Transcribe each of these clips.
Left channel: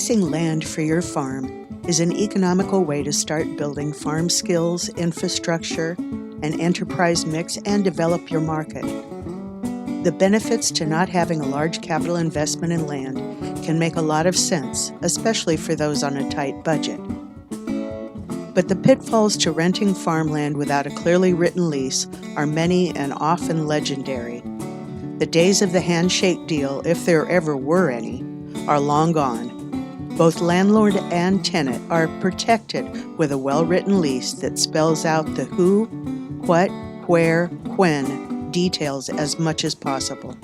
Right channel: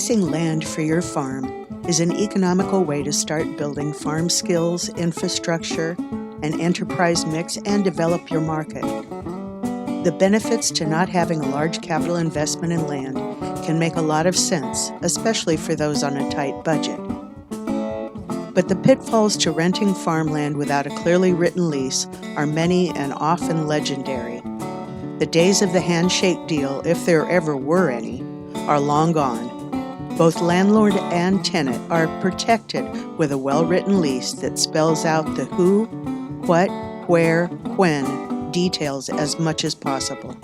Leasing land for your farm is an economical way to start building farm skills, infrastructure, an enterprise mix, and develop your market. The benefits to not having a large capital investment in land can make a lot of sense, especially for those on a tight budget. But the pitfalls to renting farmland without a clearly written lease are many and often legendary. The days of the handshake deal, if there ever were any, are long gone. Both landlord and tenant are protected with a well-written lease that spells out the who, what, where, when details as much as possible.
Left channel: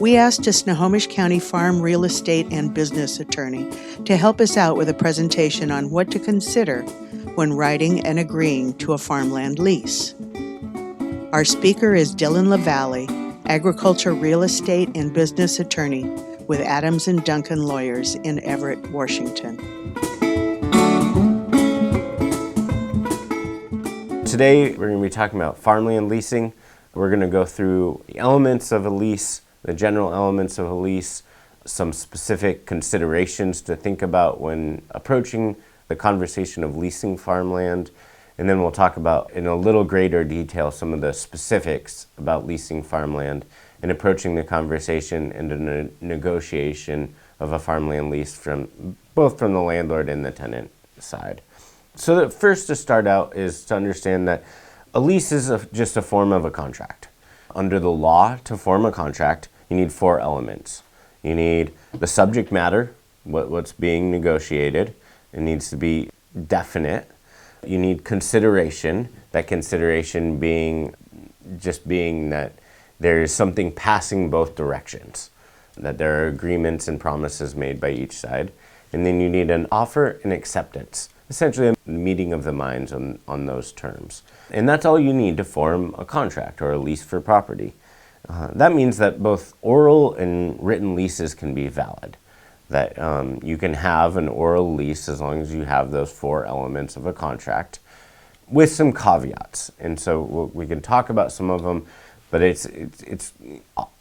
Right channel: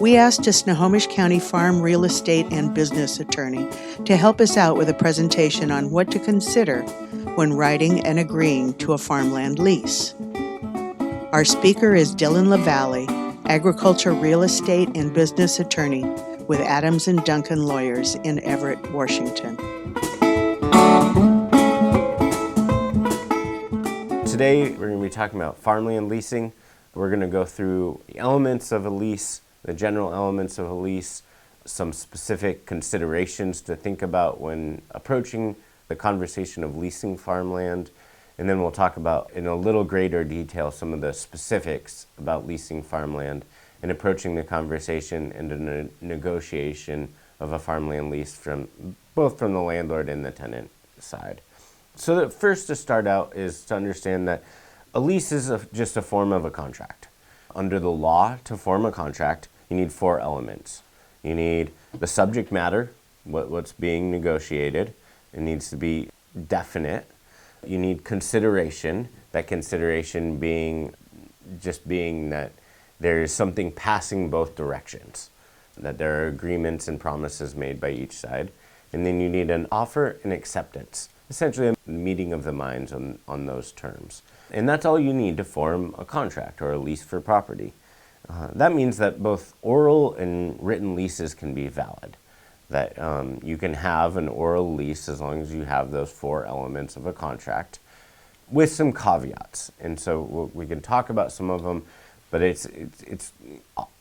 We asked a Snohomish County farm real estate and business attorney to help us out with a presentation on what to consider when writing and agreeing to a farmland lease. Our speaker is Dylan LaValle, agriculture real estate and business attorney with Adams & Duncan Lawyers in Everett, Washington. Today, we're going to be talking about farmland leasing. We're going to go through the elements of a lease, the general elements of a lease, some specific considerations to think about when approaching the conversation of leasing farmland, and then we'll talk about in a little greater detail some of the specifics about leasing farmland and approaching the conversation and the negotiation of a farmland lease both from the landlord and the tenant side. So the first to start out is to understand that a lease is just a form of a contract. Under the law, to form a contract, you need 4 elements. You need the subject matter, what's being negotiated. It needs to be definite. You need consideration, that consideration being that there is something passing both directions, that there are agreements and promises made by each side. And then you need an offer and acceptance, essentially a meeting of the minds on those terms. And that's all you need to form a contract or a lease for property. That means that both oral and written leases can be valid, that you can have an oral lease as long as you have those 4 elements of a contract with some caveats. And so we can talk about some of them, but it's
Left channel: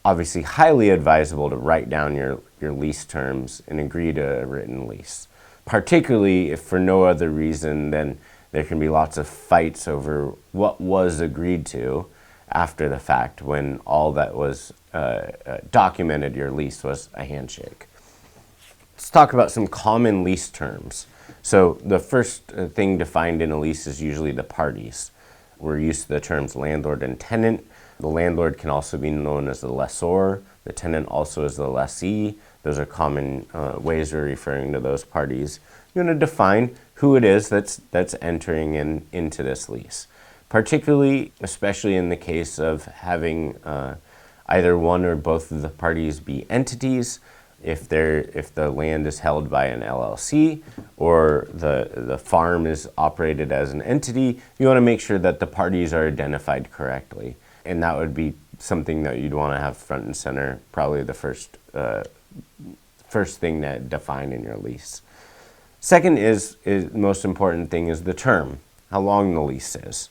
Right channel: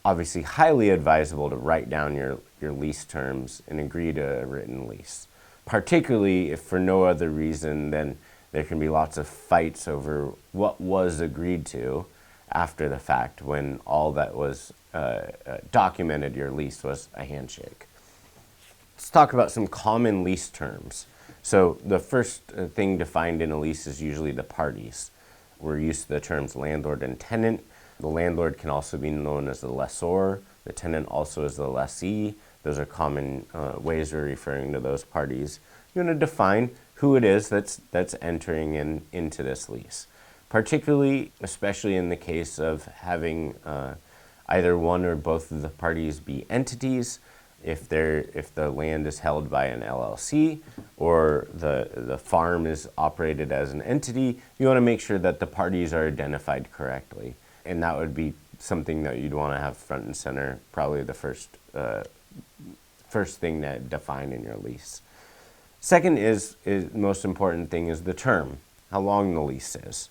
obviously highly advisable to write down your lease terms and agree to a written lease, particularly if for no other reason than there can be lots of fights over what was agreed to after the fact when all that was documented your lease was a handshake. Let's talk about some common lease terms. So the first thing defined in a lease is usually the parties. We're used to the terms landlord and tenant. The landlord can also be known as the lessor. The tenant also is the lessee. Those are common ways of referring to those parties. You're going to define who it is that's entering into this lease. Particularly, especially in the case of having either one or both of the parties be entities, if the land is held by an LLC or the farm is operated as an entity, you want to make sure that the parties are identified correctly. And that would be something that you'd want to have front and center, probably the first thing that define in your lease. Second is most important thing is the term, how long the lease is.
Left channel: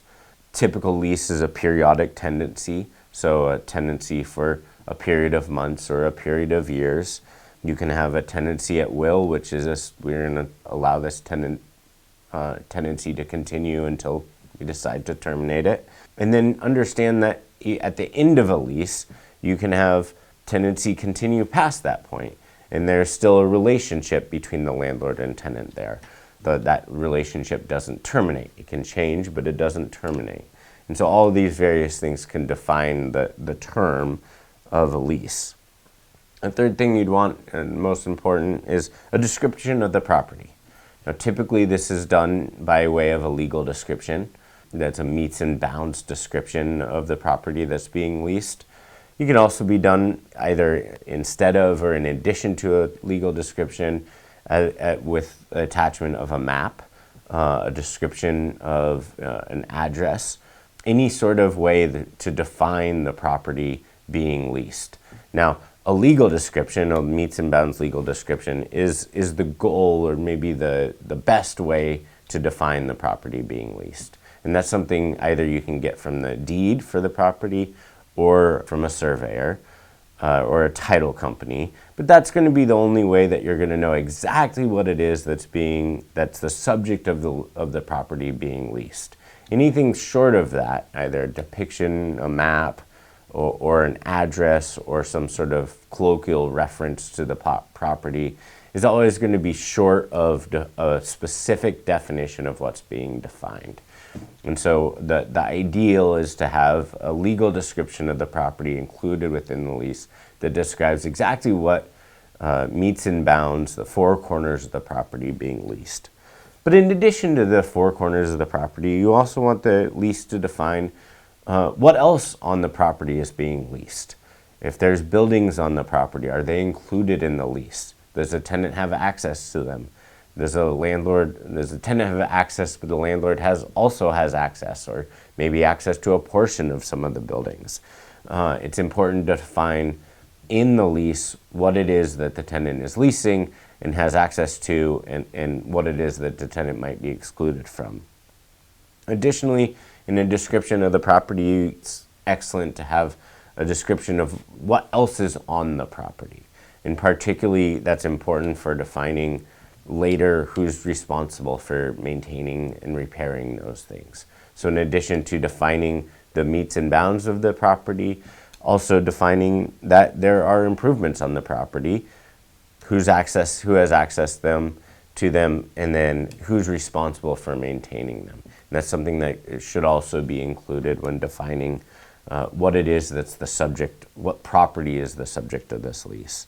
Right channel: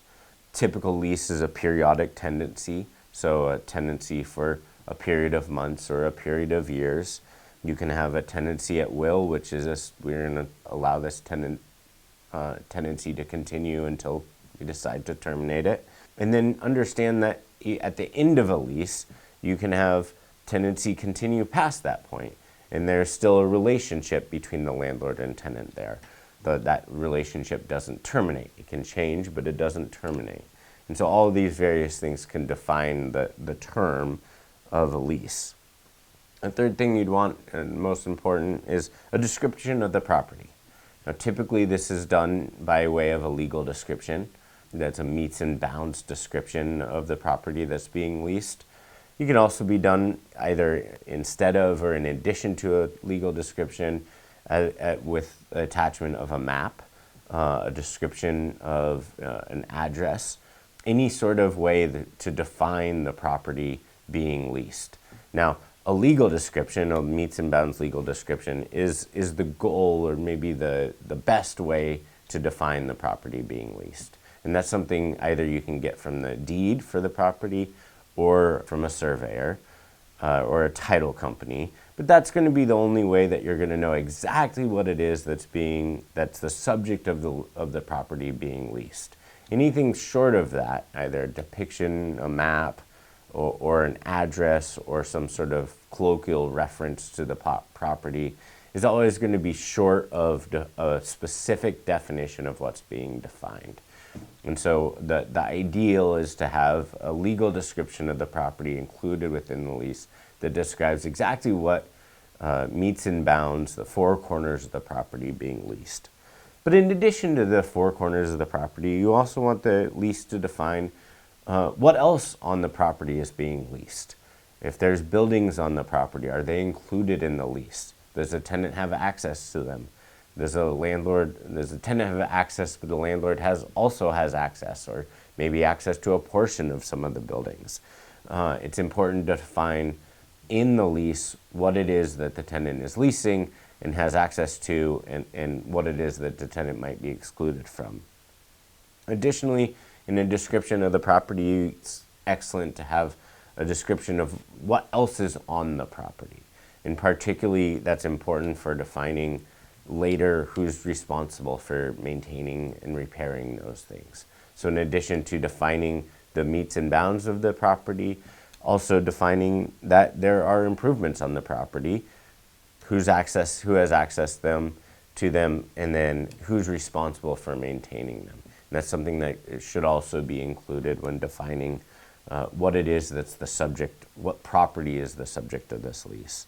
Typical lease is a periodic tenancy, so a tenancy for a period of months or a period of years. You can have a tenancy at will, which is we're going to allow this tenancy to continue until we decide to terminate it. And then understand that at the end of a lease, you can have tenancy continue past that point, and there's still a relationship between the landlord and tenant there. That relationship doesn't terminate. It can change, but it doesn't terminate. And so all of these various things can define the term of a lease. A third thing you'd want, and most important, is a description of the property. Now, typically this is done by way of a legal description. That's a meets and bounds description of the property that's being leased. You can also be done either instead of or in addition to a legal description with attachment of a map, a description of an address, any sort of way to define the property being leased. Now, a legal description, a meets and bounds legal description, is the goal or maybe the best way to define the property being leased. And that's something either you can get from the deed for the property or from a surveyor. or a title company, but that's going to be the only way that you're going to know exactly what it is that's the subject of the property being leased. Anything short of that, either a depiction, a map, or an address, or some sort of colloquial reference to the property, is always going to be short of a specific definition of what's being defined. And so the ideal is to have a legal description of the property included within the lease that describes exactly what meets and bounds the four corners of the property being leased. But in addition to the four corners of the property, you also want the lease to define what else on the property is being leased. If there's buildings on the property, are they included in the lease? Does the tenant have access to them? Does the tenant have access, but the landlord also has access, or maybe access to a portion of some of the buildings? It's important to define in the lease what it is that the tenant is leasing and has access to, and what it is that the tenant might be excluded from. Additionally, in a description of the property, it's excellent to have a description of what else is on the property. And particularly, that's important for defining later who's responsible for maintaining and repairing those things. So in addition to defining the meets and bounds of the property, also defining that there are improvements on the property, who has access to them, and then who's responsible for maintaining them. And that's something that should also be included when defining what it is that's the subject, what property is the subject of this lease.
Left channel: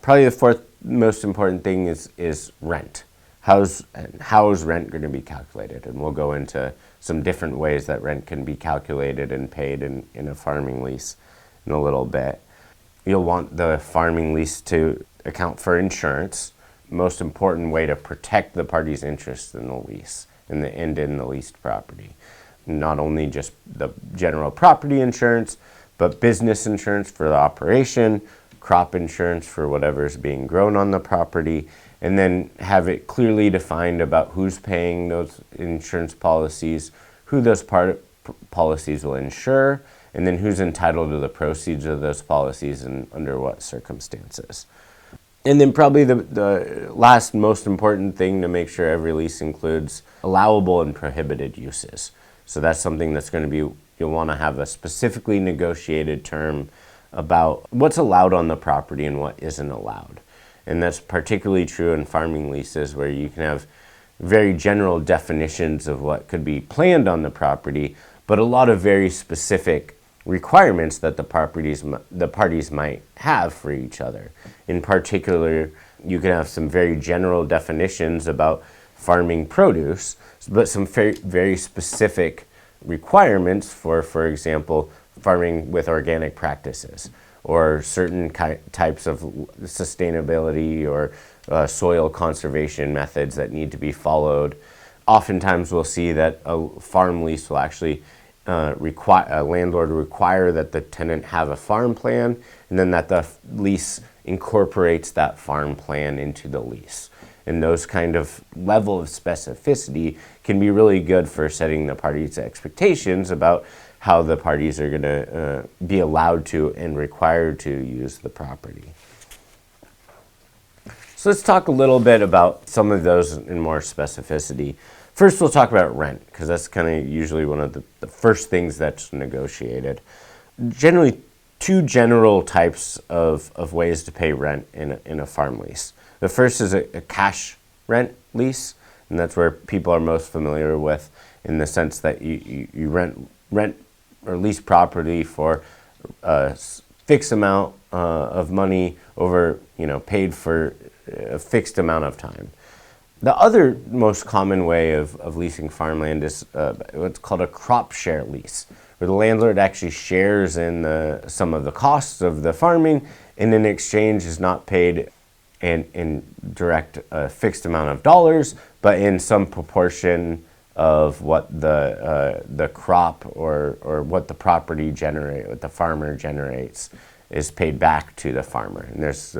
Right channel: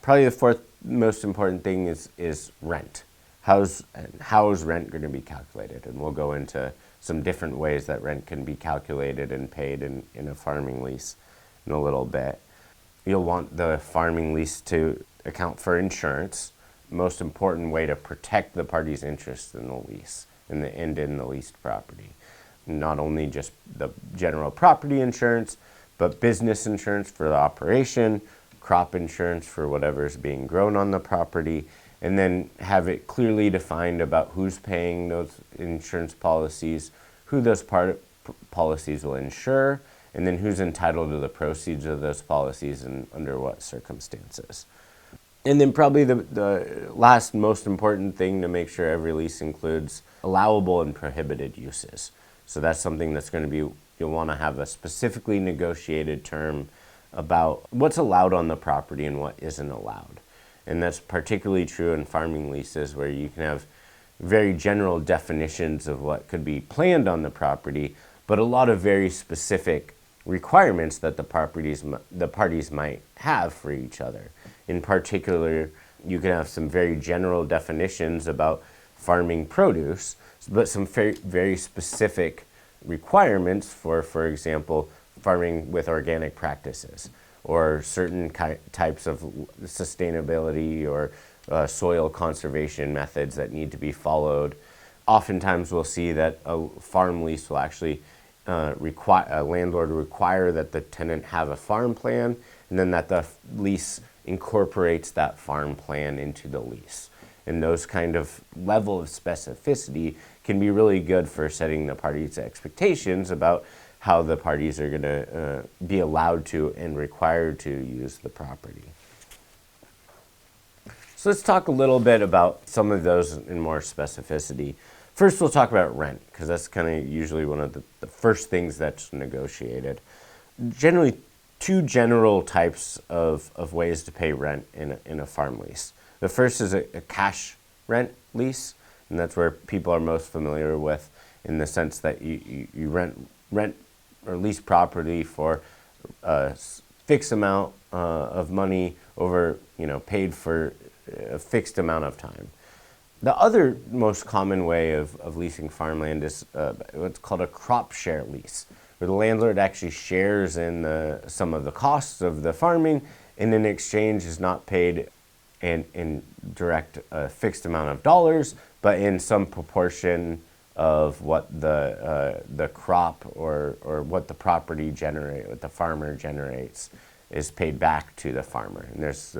Probably the fourth most important thing is rent. How is rent going to be calculated? And we'll go into some different ways that rent can be calculated and paid in a farming lease in a little bit. You'll want the farming lease to account for insurance, most important way to protect the party's interest in the lease and in the leased property. Not only just the general property insurance, but business insurance for the operation, crop insurance for whatever's being grown on the property, and then have it clearly defined about who's paying those insurance policies, who those policies will insure, and then who's entitled to the proceeds of those policies and under what circumstances. And then probably the last most important thing to make sure every lease includes allowable and prohibited uses. So that's something that's going to be, you'll want to have a specifically negotiated term about what's allowed on the property and what isn't allowed. And that's particularly true in farming leases, where you can have very general definitions of what could be planned on the property, but a lot of very specific requirements that the parties might have for each other. In particular, you can have some very general definitions about farming produce, but some very, very specific requirements for example, farming with organic practices, or certain types of sustainability or soil conservation methods that need to be followed. Oftentimes we'll see that a farm lease will actually require a landlord require that the tenant have a farm plan, and then that the lease incorporates that farm plan into the lease. And those kind of level of specificity can be really good for setting the parties' expectations about how the parties are going to be allowed to and required to use the property. So let's talk a little bit about some of those in more specificity. First, we'll talk about rent, because that's kind of usually one of the first things that's negotiated. Generally, two general types of ways to pay rent in a farm lease. The first is a cash rent lease, and that's where people are most familiar with, in the sense that you rent or lease property for a fixed amount of money over, paid for a fixed amount of time. The other most common way of leasing farmland is what's called a crop share lease, where the landlord actually shares in some of the costs of the farming, and in exchange is not paid in direct fixed amount of dollars, but in some proportion of what the crop or what the property what the farmer generates is paid back to the farmer. And there's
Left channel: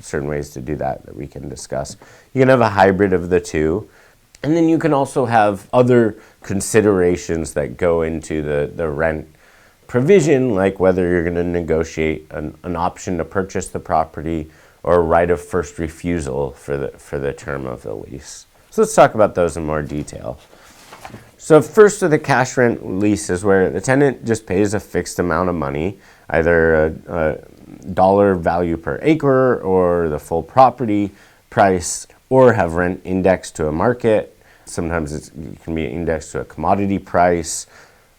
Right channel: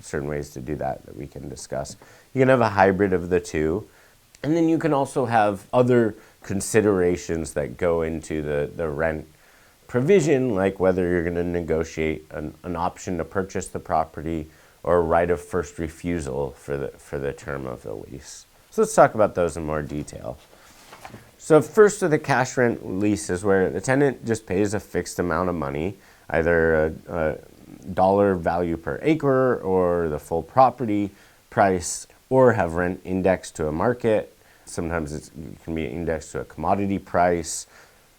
certain ways to do that we can discuss. You can have a hybrid of the two. And then you can also have other considerations that go into the rent provision, like whether you're going to negotiate an option to purchase the property or a right of first refusal for the term of the lease. So let's talk about those in more detail. So first, with the cash rent lease is where the tenant just pays a fixed amount of money, either a dollar value per acre or the full property price, or have rent indexed to a market. Sometimes it can be indexed to a commodity price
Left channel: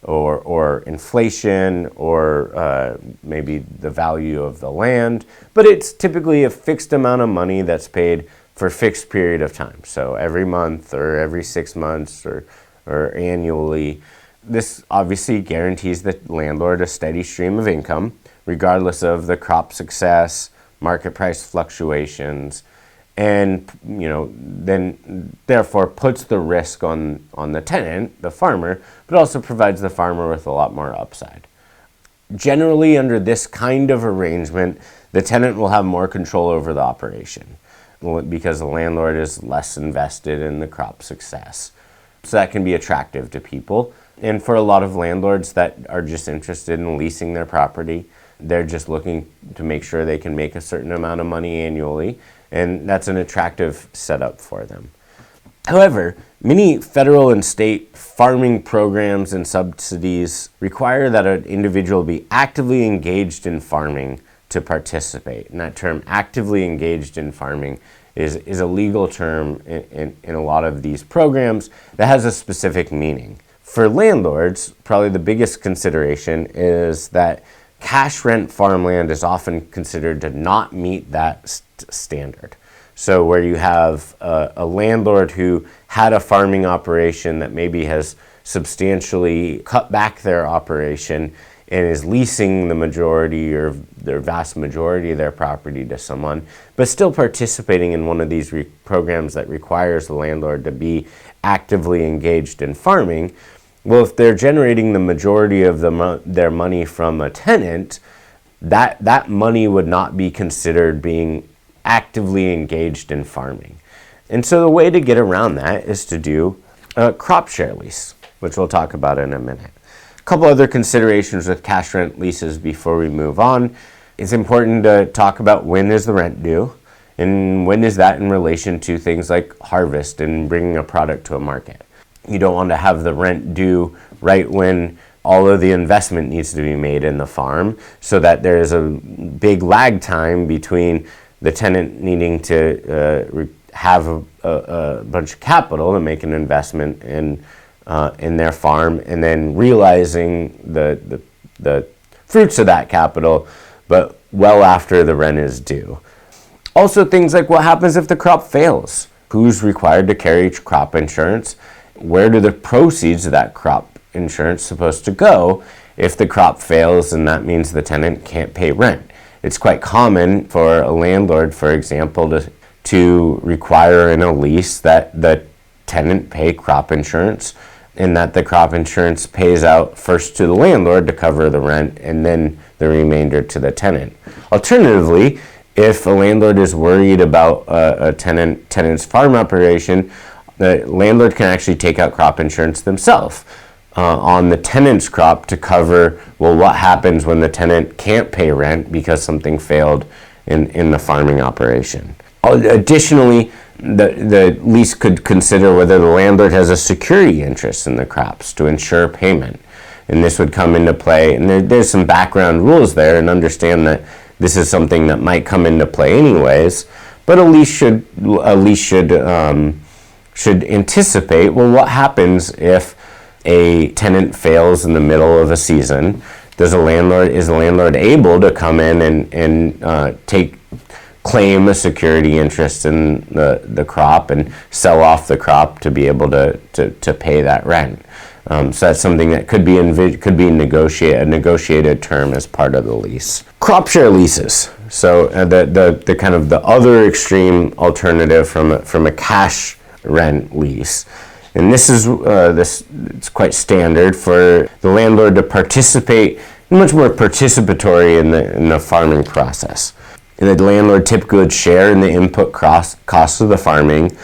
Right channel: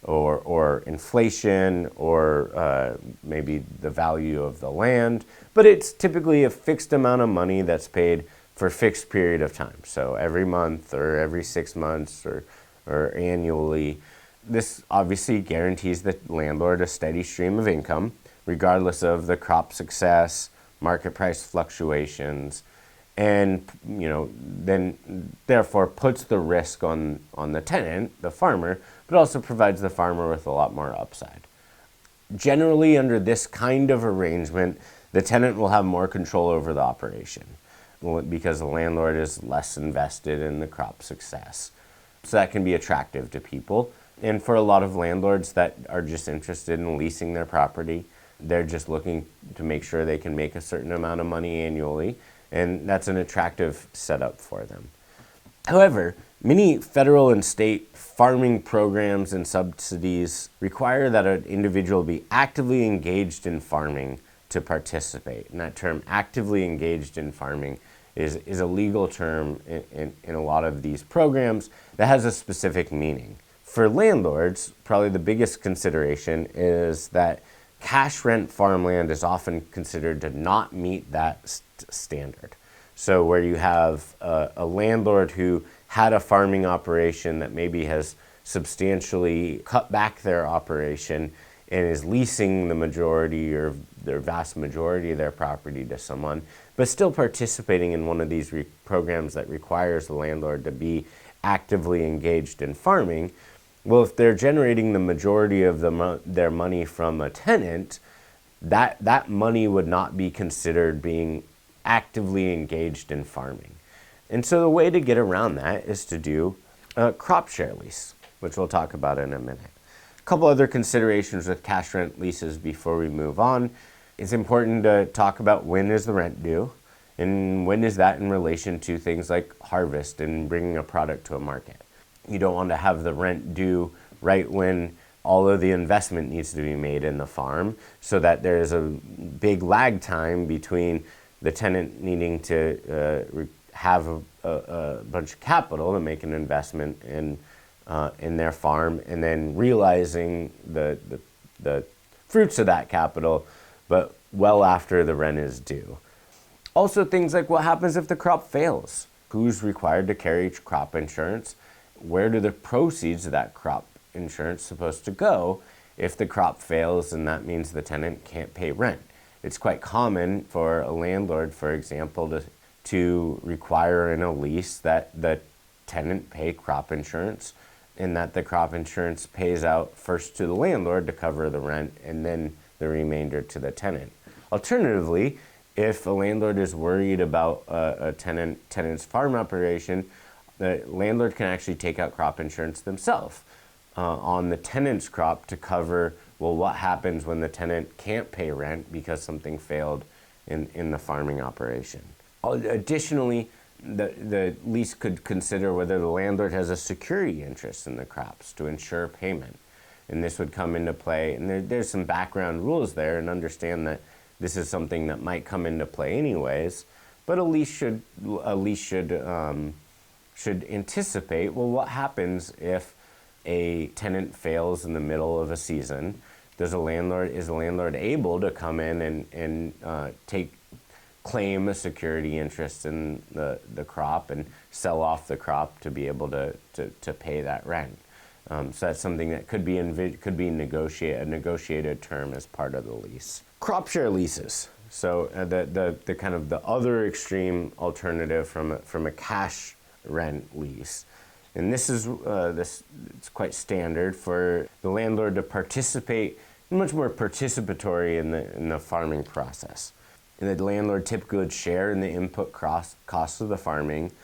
or inflation or maybe the value of the land. But it's typically a fixed amount of money that's paid for a fixed period of time. So every month or every 6 months or annually. This obviously guarantees the landlord a steady stream of income, regardless of the crop success, market price fluctuations, and then therefore puts the risk on the tenant, the farmer, but also provides the farmer with a lot more upside. Generally, under this kind of arrangement, the tenant will have more control over the operation because the landlord is less invested in the crop success. So that can be attractive to people. And for a lot of landlords that are just interested in leasing their property, they're just looking to make sure they can make a certain amount of money annually, and that's an attractive setup for them. However, many federal and state farming programs and subsidies require that an individual be actively engaged in farming to participate. And that term, actively engaged in farming, is a legal term in a lot of these programs that has a specific meaning. For landlords, probably the biggest consideration is that cash rent farmland is often considered to not meet that standard. So where you have a landlord who had a farming operation that maybe has substantially cut back their operation and is leasing the majority or their vast majority of their property to someone, but still participating in one of these programs that requires the landlord to be actively engaged in farming. Well, if they're generating the majority of their money from a tenant, that money would not be considered being actively engaged in farming. And so the way to get around that is to do a crop share lease, which we'll talk about in a minute. A couple other considerations with cash rent leases before we move on. It's important to talk about when is the rent due and when is that in relation to things like harvest and bringing a product to a market. You don't want to have the rent due right when all of the investment needs to be made in the farm, so that there is a big lag time between the tenant needing to have a bunch of capital to make an investment in their farm, and then realizing the fruits of that capital, but well after the rent is due. Also, things like what happens if the crop fails? Who's required to carry crop insurance? Where do the proceeds of that crop insurance supposed to go if the crop fails and that means the tenant can't pay rent? It's quite common for a landlord, for example, to require in a lease that the tenant pay crop insurance, and that the crop insurance pays out first to the landlord to cover the rent and then the remainder to the tenant. Alternatively, if a landlord is worried about a tenant's farm operation, the landlord can actually take out crop insurance themselves on the tenant's crop to cover, well, what happens when the tenant can't pay rent because something failed in the farming operation. Additionally, the lease could consider whether the landlord has a security interest in the crops to ensure payment. And this would come into play, and there's some background rules there, and understand that this is something that might come into play anyways, but a lease should anticipate, well, what happens if a tenant fails in the middle of a season? Is the landlord able to come in and claim a security interest in the crop and sell off the crop to be able to pay that rent? So that's something that could be a negotiated term as part of the lease. Crop share leases. So the kind of the other extreme alternative from a cash rent lease. And this is it's quite standard for the landlord to participate, much more participatory in the farming process. And the landlord typically would share in the input costs of the farming,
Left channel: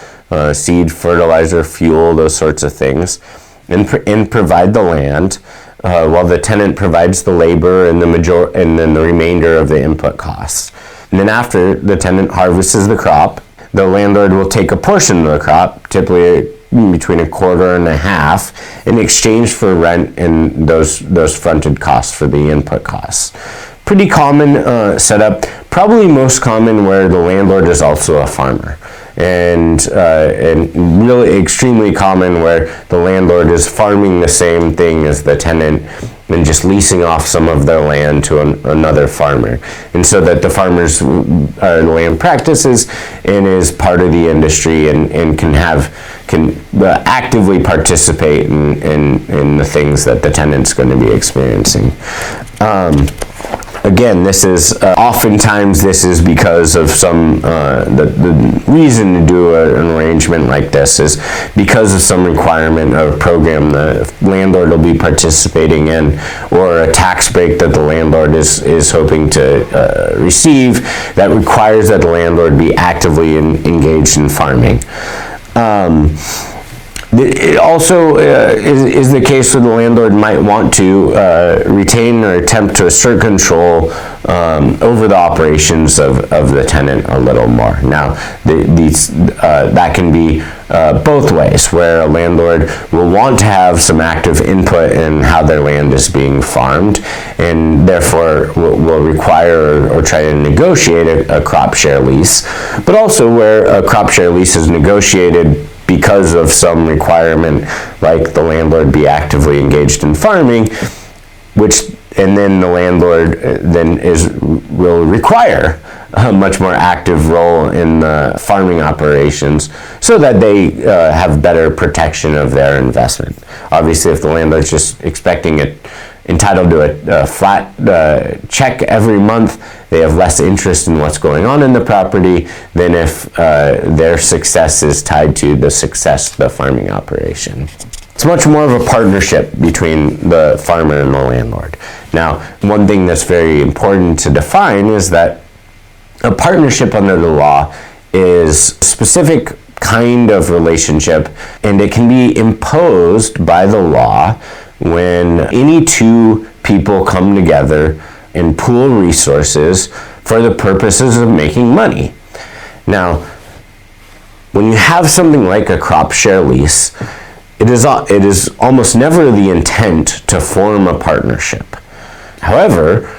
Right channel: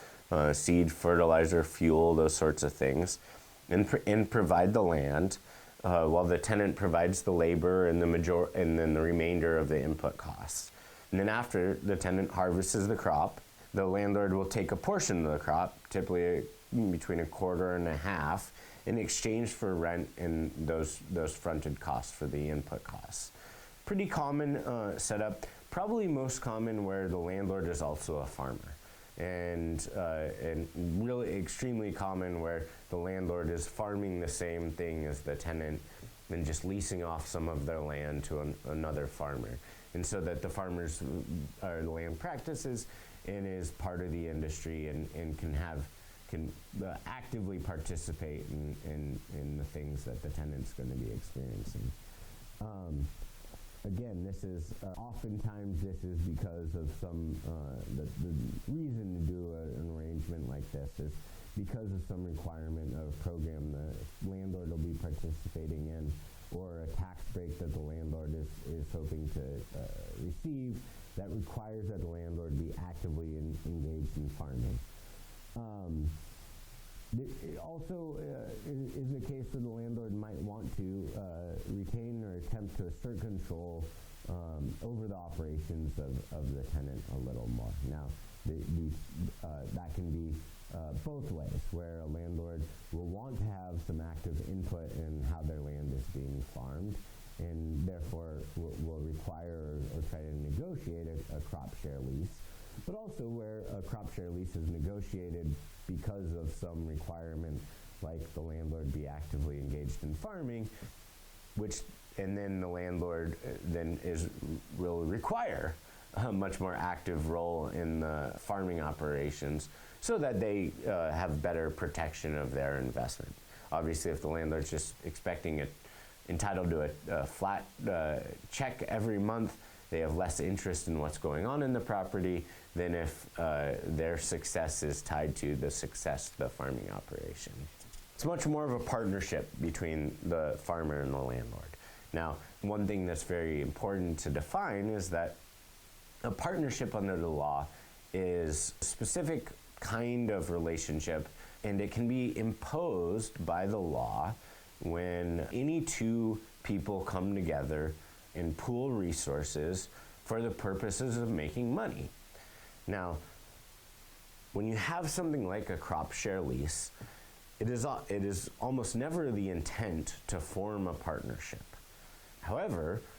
seed, fertilizer, fuel, those sorts of things, and provide the land. while the tenant provides the labor and and then the remainder of the input costs. And then after the tenant harvests the crop, the landlord will take a portion of the crop, typically between a quarter and a half, in exchange for rent and those fronted costs for the input costs. Pretty common setup, probably most common where the landlord is also a farmer. And really extremely common where the landlord is farming the same thing as the tenant and just leasing off some of their land to another farmer. And so that the farmer's land practices and is part of the industry and can actively participate in the things that the tenant's going to be experiencing. Again, this is oftentimes this is because of some the reason to do an arrangement like this is because of some requirement or program the landlord will be participating in, or a tax break that the landlord is hoping to receive that requires that the landlord be actively engaged in farming. It also is the case where the landlord might want to retain or attempt to assert control over the operations of the tenant a little more. Now, that can be both ways, where a landlord will want to have some active input in how their land is being farmed, and therefore will require or try to negotiate a crop share lease, but also where a crop share lease is negotiated because of some requirement, like the landlord be actively engaged in farming, and then the landlord will require a much more active role in the farming operations so that they have better protection of their investment. Obviously, if the landlord's just expecting it, entitled to a flat check every month, they have less interest in what's going on in the property than if their success is tied to the success of the farming operation. It's much more of a partnership between the farmer and the landlord. Now, one thing that's very important to define is that a partnership under the law is a specific kind of relationship, and it can be imposed by the law when any two people come together and pool resources for the purposes of making money. Now, when you have something like a crop share lease, it is almost never the intent to form a partnership. However,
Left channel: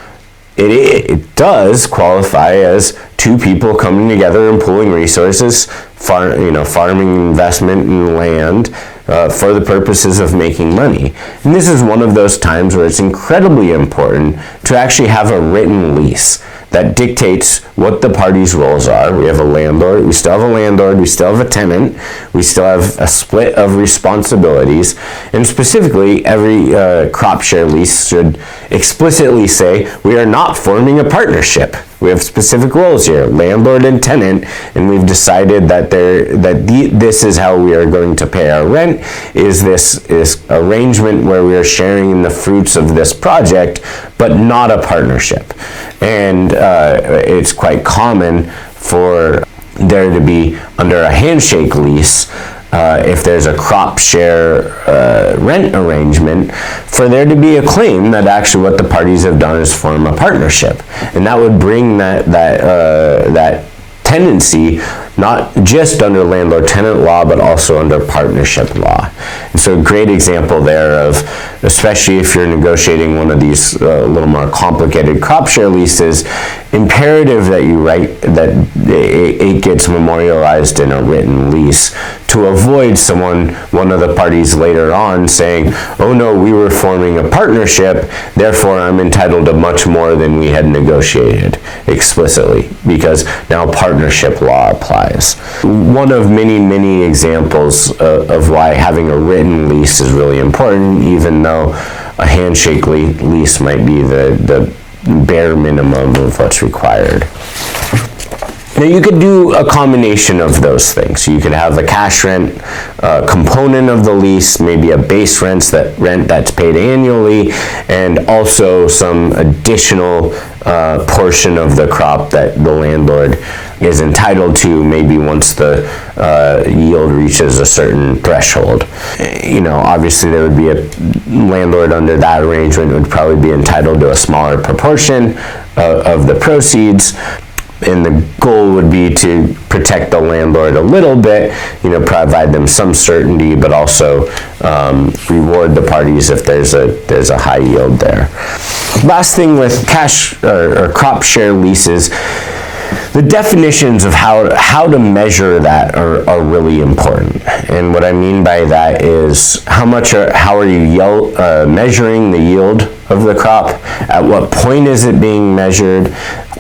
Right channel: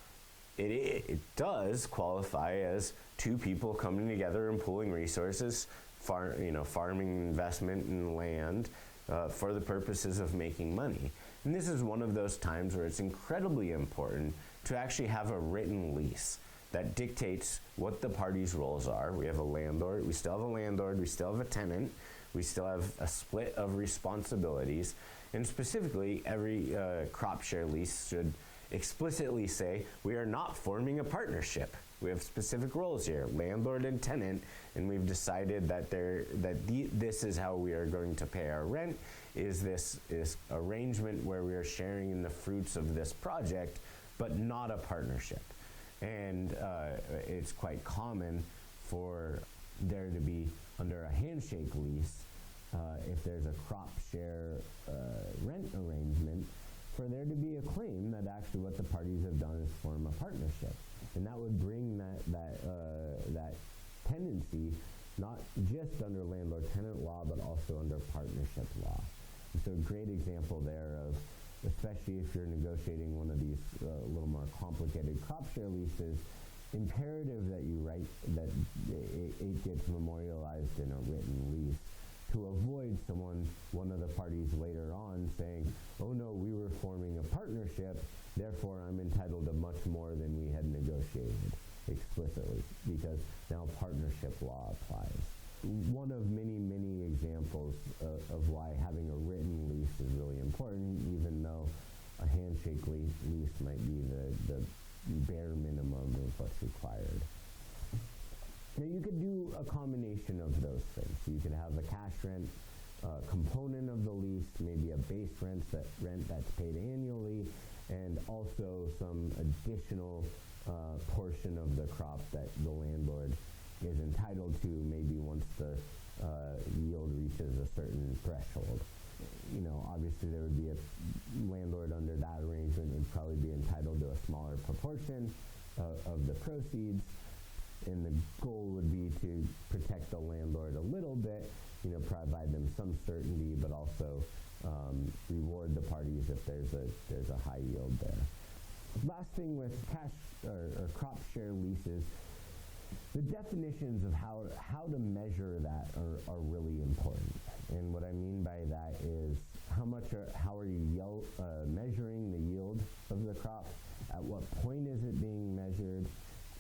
it does qualify as two people coming together and pooling resources, farming investment in land for the purposes of making money. And this is one of those times where it's incredibly important to actually have a written lease that dictates what the parties' roles are. We have a landlord, we still have a landlord, we still have a tenant, we still have a split of responsibilities, and specifically every crop share lease should explicitly say we are not forming a partnership. We have specific roles here, landlord and tenant, and we've decided that this is how we are going to pay our rent, is this arrangement where we are sharing in the fruits of this project, but not a partnership. And it's quite common for there to be, under a handshake lease, if there's a crop share rent arrangement, for there to be a claim that actually what the parties have done is form a partnership. And that would bring that tendency not just under landlord-tenant law, but also under partnership law. And so a great example there of, especially if you're negotiating one of these a little more complicated crop share leases, imperative that you write that it gets memorialized in a written lease to avoid one of the parties later on saying, oh no, we were forming a partnership, therefore I'm entitled to much more than we had negotiated explicitly, because now partnership law applies. One of many, many examples of why having a written lease is really important, even though a handshake lease might be the bare minimum of what's required. Now, you could do a combination of those things. You could have a cash rent component of the lease, maybe a base rent that's paid annually, and also some additional portion of the crop that the landlord is entitled to maybe once the yield reaches a certain threshold. Obviously there would be a landlord under that arrangement would probably be entitled to a smaller proportion of the proceeds. And the goal would be to protect the landlord a little bit, provide them some certainty, but also reward the parties if there's a high yield there. Last thing with cash or crop share leases, the definitions of how to measure that are really important. And what I mean by that is how are you measuring the yield of the crop? At what point is it being measured?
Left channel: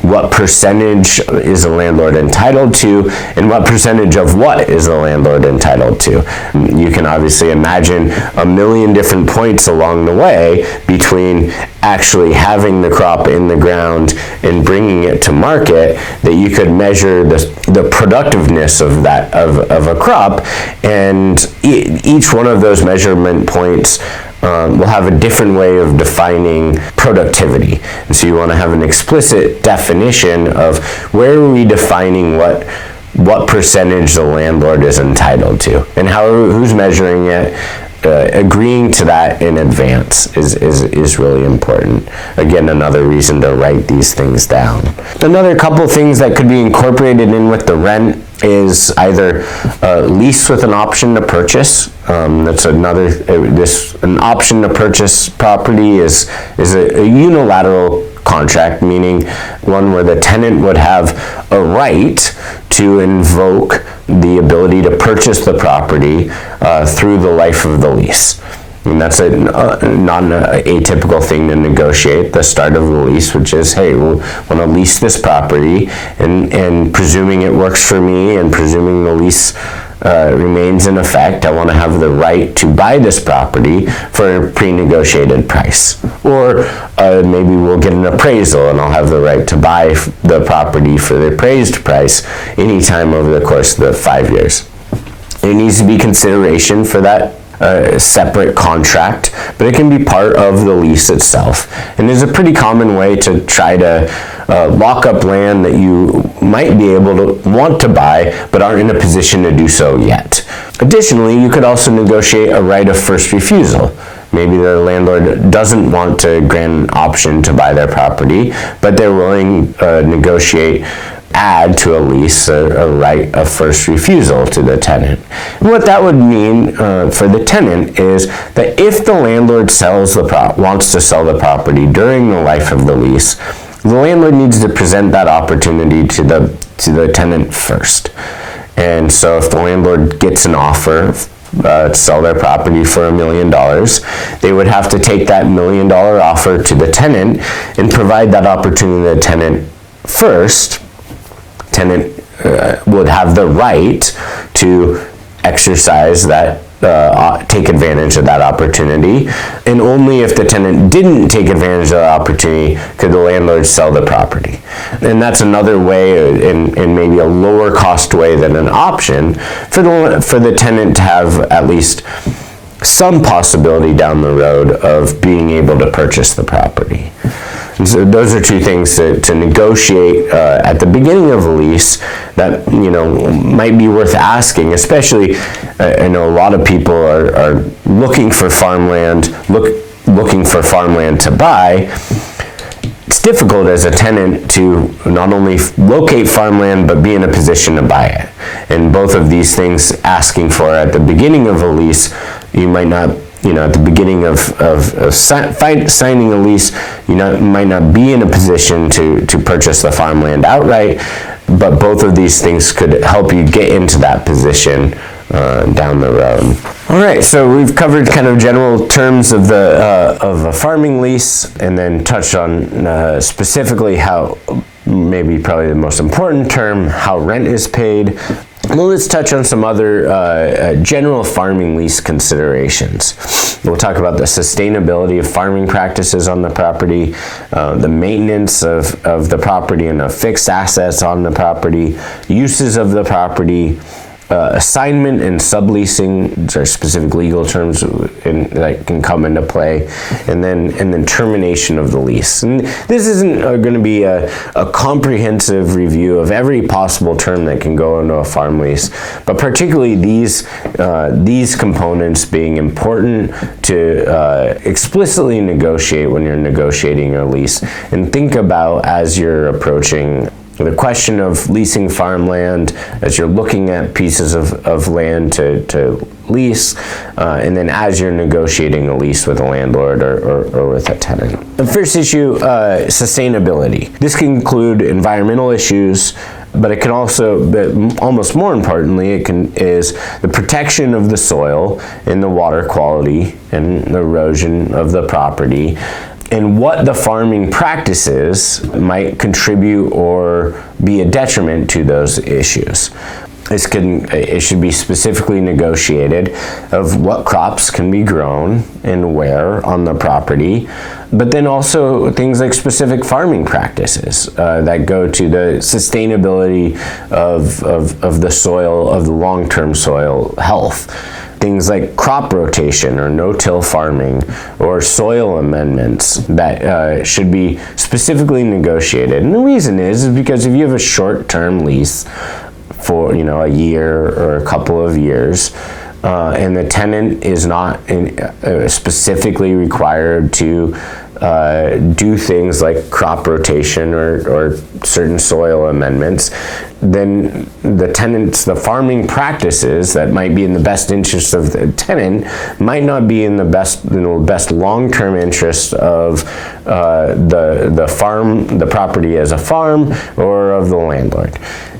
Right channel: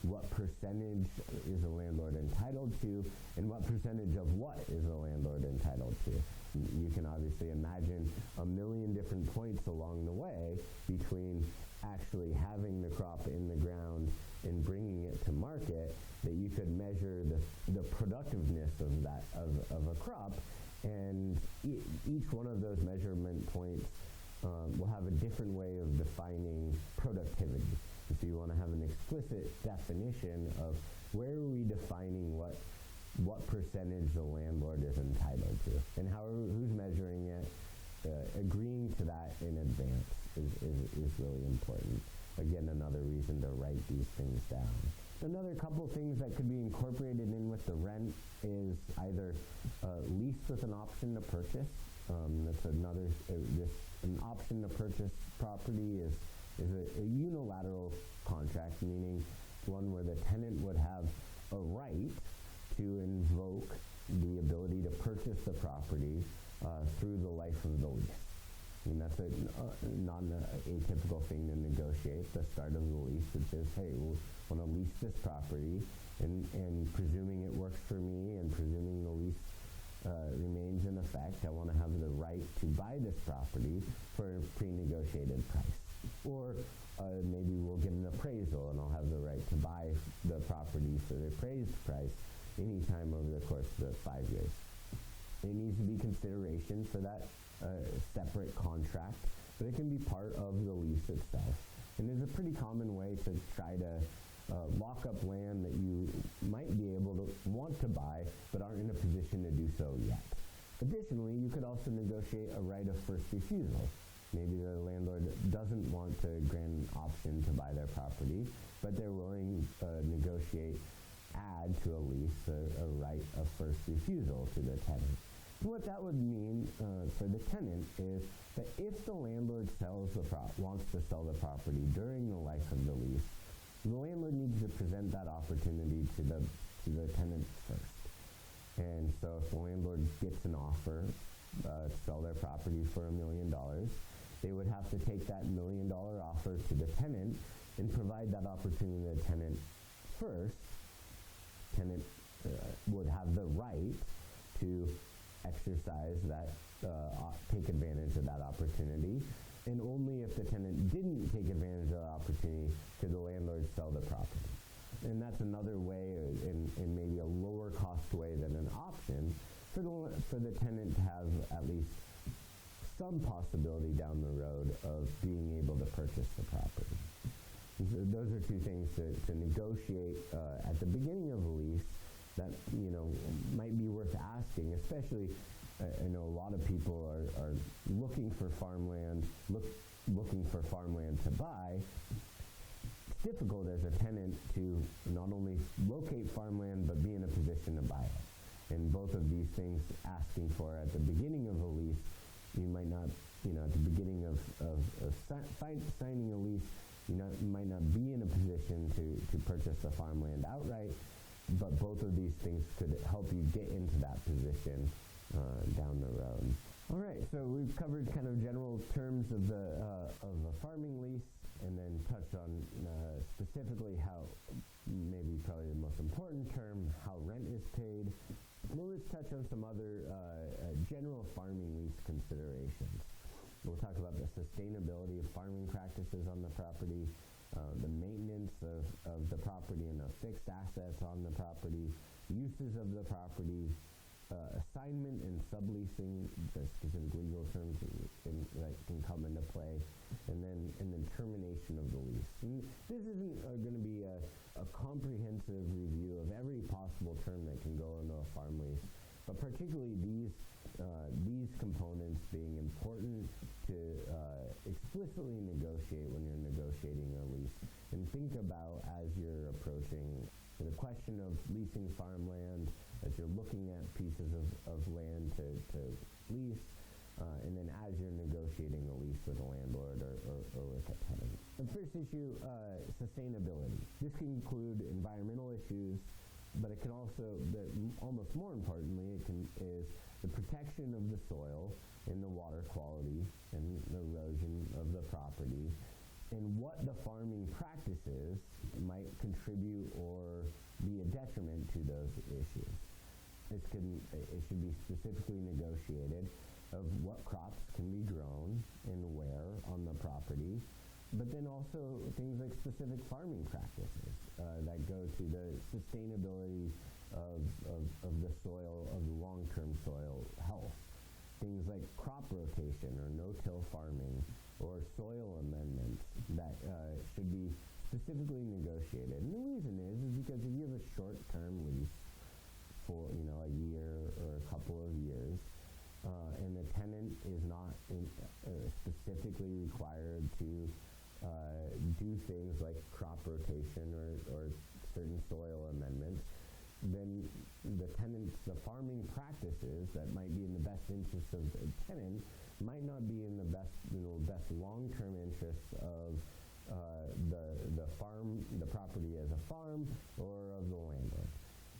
What percentage is the landlord entitled to, and what percentage of what is the landlord entitled to? You can obviously imagine a million different points along the way between actually having the crop in the ground and bringing it to market, that you could measure the productiveness of a crop, and each one of those measurement points will have a different way of defining productivity. And so you want to have an explicit definition of where are we defining what percentage the landlord is entitled to, and who's measuring it. Agreeing to that in advance is really important. Again, another reason to write these things down. Another couple things that could be incorporated in with the rent is either lease with an option to purchase. That's another. An option to purchase property is a unilateral contract, meaning one where the tenant would have a right to invoke the ability to purchase the property through the life of the lease. And that's not an atypical thing to negotiate the start of the lease, which is, hey, we want to lease this property, and presuming it works for me and presuming the lease remains in effect, I want to have the right to buy this property for a pre-negotiated price. Or maybe we'll get an appraisal and I'll have the right to buy the property for the appraised price anytime over the course of the 5 years. There needs to be consideration for that separate contract, but it can be part of the lease itself. And there's a pretty common way to try to lock up land that you might be able to want to buy but aren't in a position to do so yet. Additionally, you could also negotiate a right of first refusal. Maybe the landlord doesn't want to grant an option to buy their property, but they're willing to add to a lease a right of first refusal to the tenant. And what that would mean for the tenant is that if the landlord wants to sell the property during the life of the lease, the landlord needs to present that opportunity to the tenant first. And so if the landlord gets an offer to sell their property for $1 million, they would have to take that $1 million offer to the tenant and provide that opportunity to the tenant first. Tenant would have the right to exercise that, take advantage of that opportunity, and only if the tenant didn't take advantage of the opportunity could the landlord sell the property. And that's another way, and maybe a lower cost way than an option, for the tenant to have at least some possibility down the road of being able to purchase the property. And so those are two things to negotiate at the beginning of a lease that might be worth asking. Especially, I know a lot of people are looking for farmland, looking for farmland to buy. It's difficult as a tenant to not only locate farmland but be in a position to buy it. And both of these things asking for at the beginning of a lease, you might not. At the beginning of signing a lease, you might not be in a position to purchase the farmland outright, but both of these things could help you get into that position down the road. All right, so we've covered kind of general terms of a farming lease, and then touched on specifically how, maybe probably the most important term, how rent is paid. Well, let's touch on some other general farming lease considerations. We'll talk about the sustainability of farming practices on the property, the maintenance of the property and of fixed assets on the property, uses of the property, Assignment and subleasing, which are specific legal terms that can come into play, and then termination of the lease. And this isn't going to be a comprehensive review of every possible term that can go into a farm lease, but particularly these components being important to explicitly negotiate when you're negotiating a lease, and think about as you're approaching the question of leasing farmland, as you're looking at pieces of land to lease, and then as you're negotiating a lease with a landlord or with a tenant. The first issue, sustainability. This can include environmental issues, but it can also, but almost more importantly, is the protection of the soil and the water quality and the erosion of the property, and what the farming practices might contribute or be a detriment to those issues. It should be specifically negotiated of what crops can be grown and where on the property, but then also things like specific farming practices that go to the sustainability of the soil, of the long-term soil health. Things like crop rotation or no-till farming or soil amendments that should be specifically negotiated. And the reason is because if you have a short-term lease for a year or a couple of years, and the tenant is not specifically required to do things like crop rotation or certain soil amendments, then the farming practices that might be in the best interest of the tenant might not be in the best long-term interest of the property as a farm or of the landlord.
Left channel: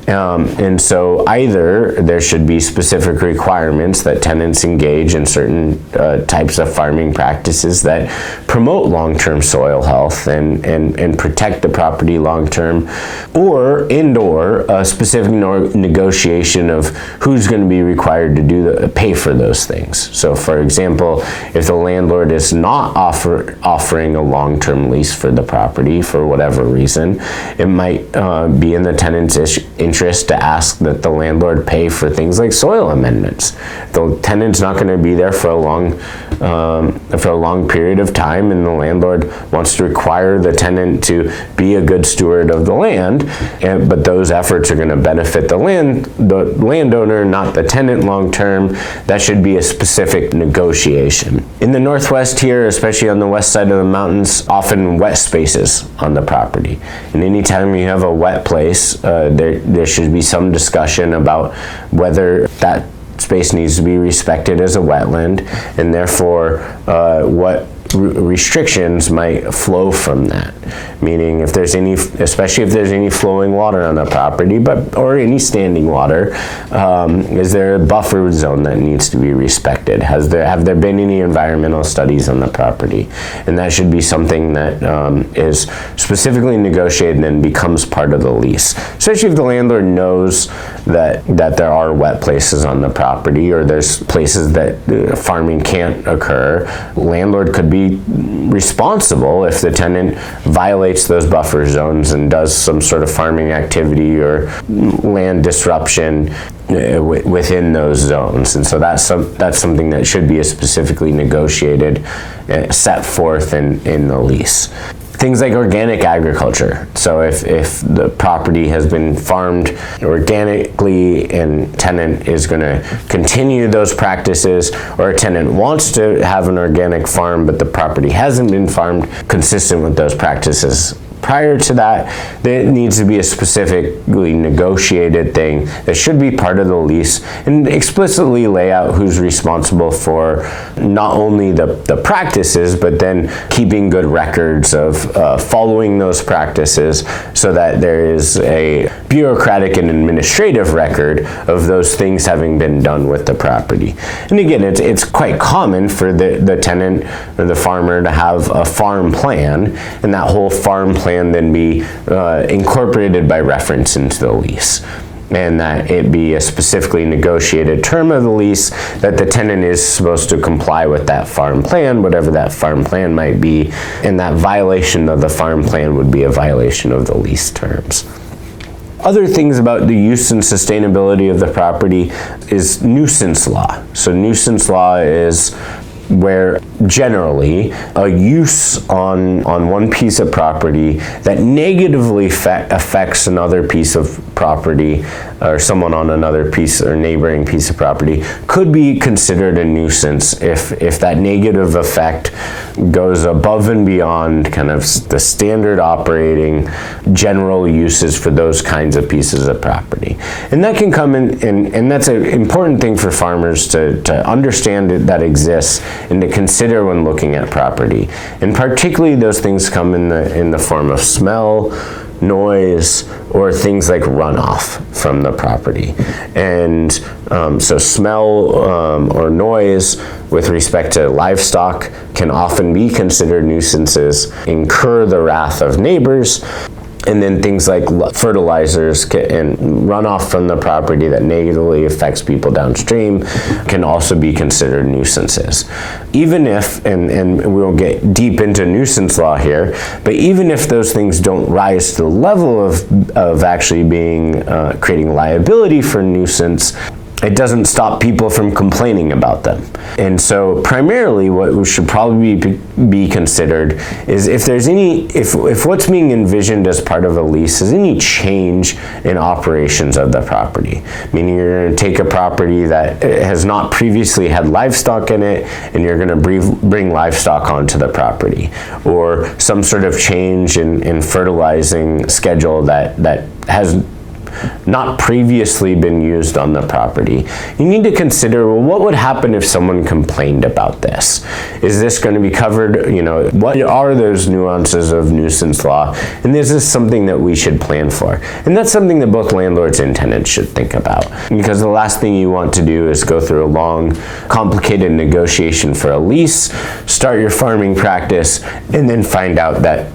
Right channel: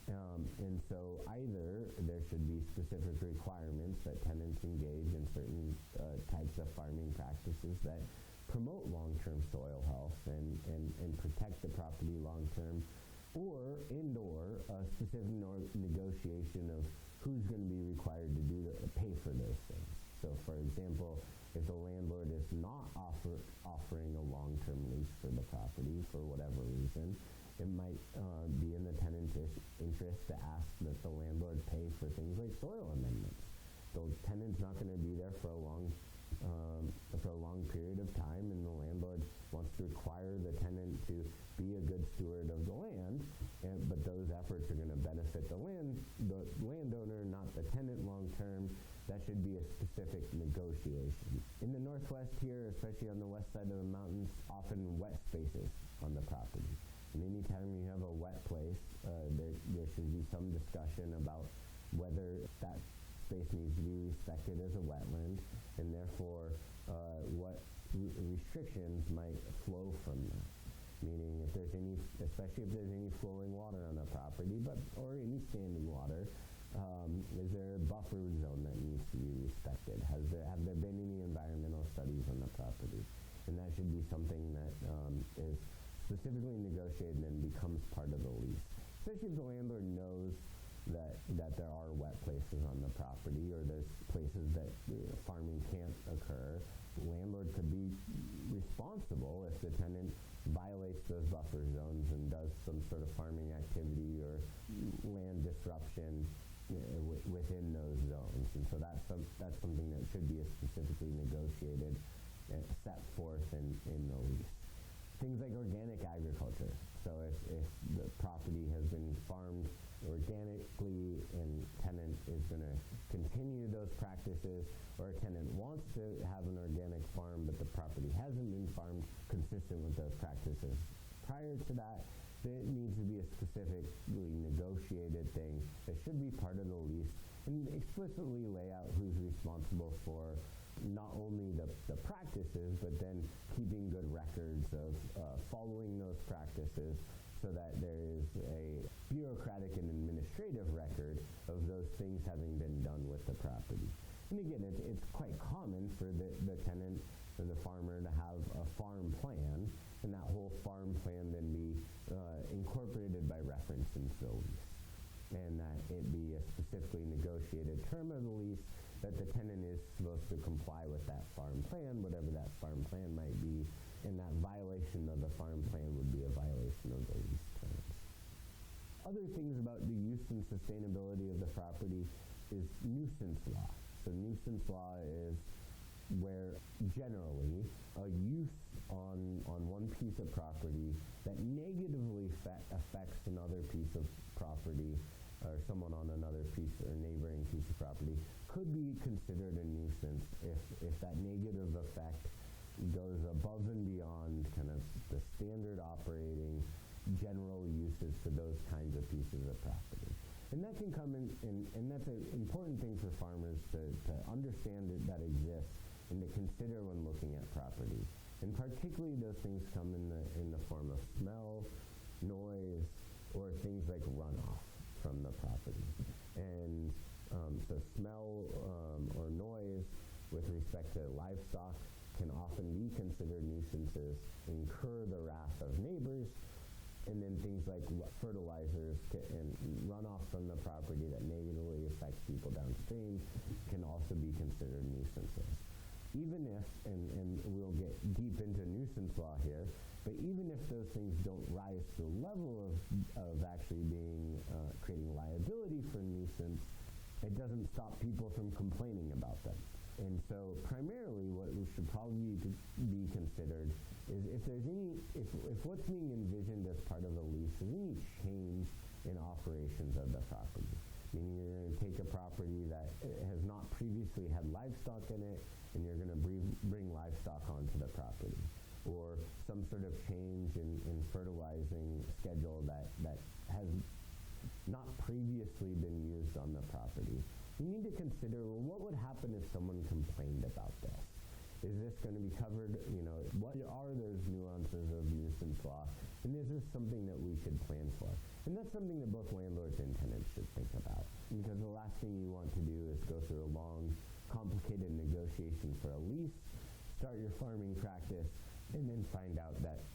And so either there should be specific requirements that tenants engage in certain types of farming practices that promote long-term soil health and protect the property long-term, or a specific negotiation of who's going to be required to pay for those things. So for example, if the landlord is not offering a long-term lease for the property for whatever reason, it might be in the tenant's interest to ask that the landlord pay for things like soil amendments. The tenant's not going to be there for a long period of time, and the landlord wants to require the tenant to be a good steward of the land, but those efforts are going to benefit the landowner, not the tenant long term. That should be a specific negotiation. In the Northwest here, especially on the west side of the mountains, often wet spaces on the property. And anytime you have a wet place, there should be some discussion about whether that space needs to be respected as a wetland, and therefore what restrictions might flow from that. Meaning, especially if there's any flowing water on the property, or any standing water, is there a buffer zone that needs to be respected? Have there been any environmental studies on the property? And that should be something that is specifically negotiated and then becomes part of the lease. Especially if the landlord knows that there are wet places on the property, or there's places that farming can't occur. Landlord could be responsible if the tenant violates those buffer zones and does some sort of farming activity or land disruption within those zones. And so that's something that should be specifically negotiated, set forth in the lease. Things like organic agriculture. So if the property has been farmed organically and tenant is going to continue those practices, or a tenant wants to have an organic farm but the property hasn't been farmed consistent with those practices prior to that, there needs to be a specifically negotiated thing that should be part of the lease and explicitly lay out who's responsible for not only the practices, but then keeping good records of following those practices, so that there is a bureaucratic and administrative record of those things having been done with the property. And again, it's quite common for the tenant or the farmer to have a farm plan, and that whole farm plan then be incorporated by reference into the lease, and that it be a specifically negotiated term of the lease that the tenant is supposed to comply with that farm plan, whatever that farm plan might be, and that violation of the farm plan would be a violation of the lease terms. Other things about the use and sustainability of the property is nuisance law. So nuisance law is where generally a use on one piece of property that negatively affects another piece of property or someone on another piece or neighboring piece of property could be considered a nuisance if that negative effect goes above and beyond kind of the standard operating general uses for those kinds of pieces of property. And that can come in, and that's an important thing for farmers to understand that exists and to consider when looking at property. And particularly those things come in the form of smell, noise, or things like runoff from the property. And so smell or noise with respect to livestock can often be considered nuisances, incur the wrath of neighbors. And then things like fertilizers and runoff from the property that negatively affects people downstream can also be considered nuisances. Even if, and we won't get deep into nuisance law here, but even if those things don't rise to the level of actually being creating liability for nuisance, it doesn't stop people from complaining about them. And so primarily what should probably be considered is if there's if what's being envisioned as part of a lease is any change in operations of the property. Meaning you're going to take a property that has not previously had livestock in it and you're going to bring livestock onto the property. Or some sort of change in fertilizing schedule that has not previously been used on the property. You need to consider, well, what would happen if someone complained about this? Is this going to be covered? What are those nuances of nuisance law? And this is something that we should plan for. And that's something that both landlords and tenants should think about. Because the last thing you want to do is go through a long, complicated negotiation for a lease, start your farming practice, and then find out that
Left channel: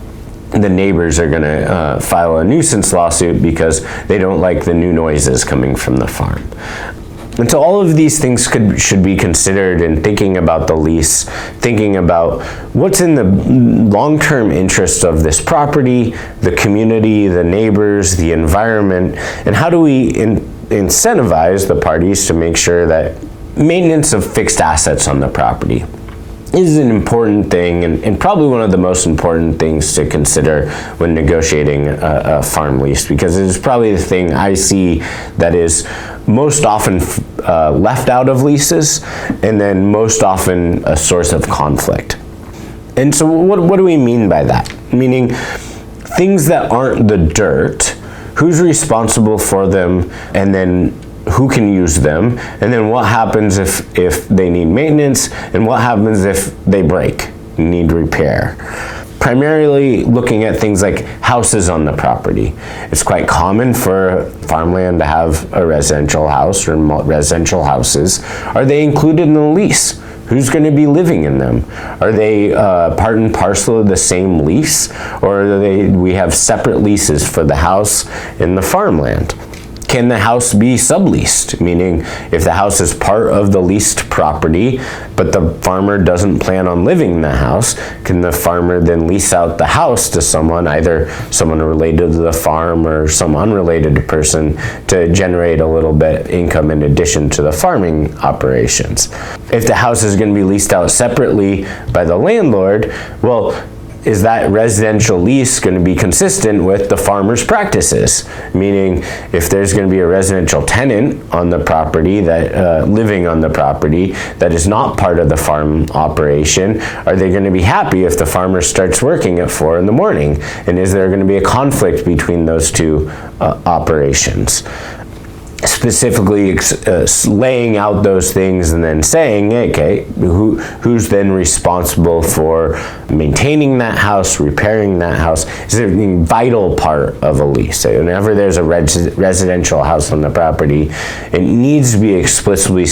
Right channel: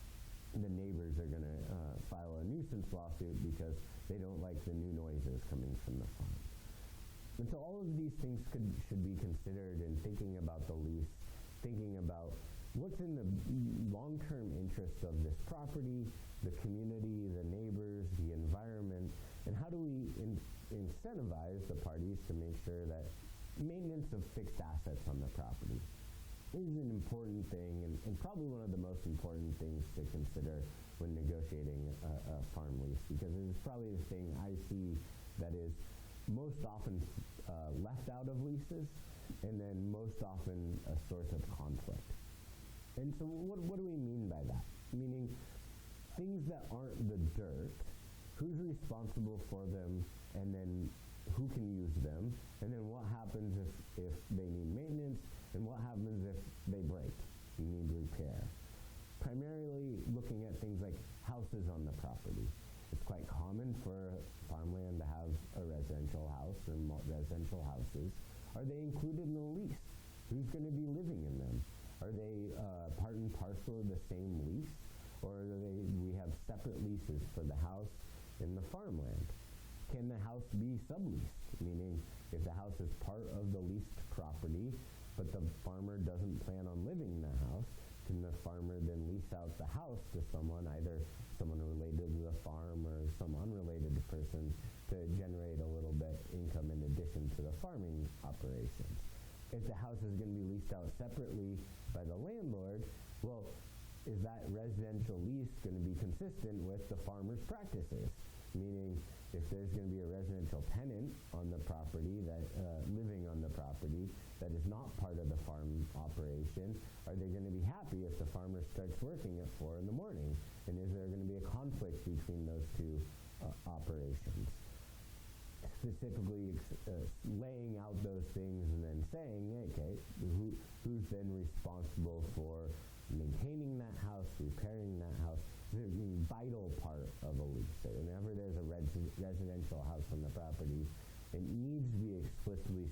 the neighbors are going to file a nuisance lawsuit because they don't like the new noises coming from the farm. And so all of these things should be considered in thinking about the lease, thinking about what's in the long-term interest of this property, the community, the neighbors, the environment, and how do we incentivize the parties to make sure that maintenance of fixed assets on the property is an important thing and probably one of the most important things to consider when negotiating a farm lease, because it is probably the thing I see that is most often left out of leases and then most often a source of conflict. And so what do we mean by that? Meaning things that aren't the dirt, who's responsible for them, and then who can use them, and then what happens if they need maintenance, and what happens if they break, need repair. Primarily looking at things like houses on the property. It's quite common for farmland to have a residential house or residential houses. Are they included in the lease? Who's going to be living in them? Are they part and parcel of the same lease, or we have separate leases for the house and the farmland? Can the house be subleased? Meaning if the house is part of the leased property, but the farmer doesn't plan on living in the house, can the farmer then lease out the house to someone, either someone related to the farm or some unrelated person, to generate a little bit income in addition to the farming operations? If the house is going to be leased out separately by the landlord, well, is that residential lease going to be consistent with the farmer's practices? Meaning, if there's going to be a residential tenant on the property that living on the property that is not part of the farm operation, are they going to be happy if the farmer starts working at 4 in the morning? And is there going to be a conflict between those two operations? Specifically laying out those things and then saying, okay, who's then responsible for maintaining that house, repairing that house, is a vital part of a lease. So whenever there's a residential house on the property, it needs to be explicitly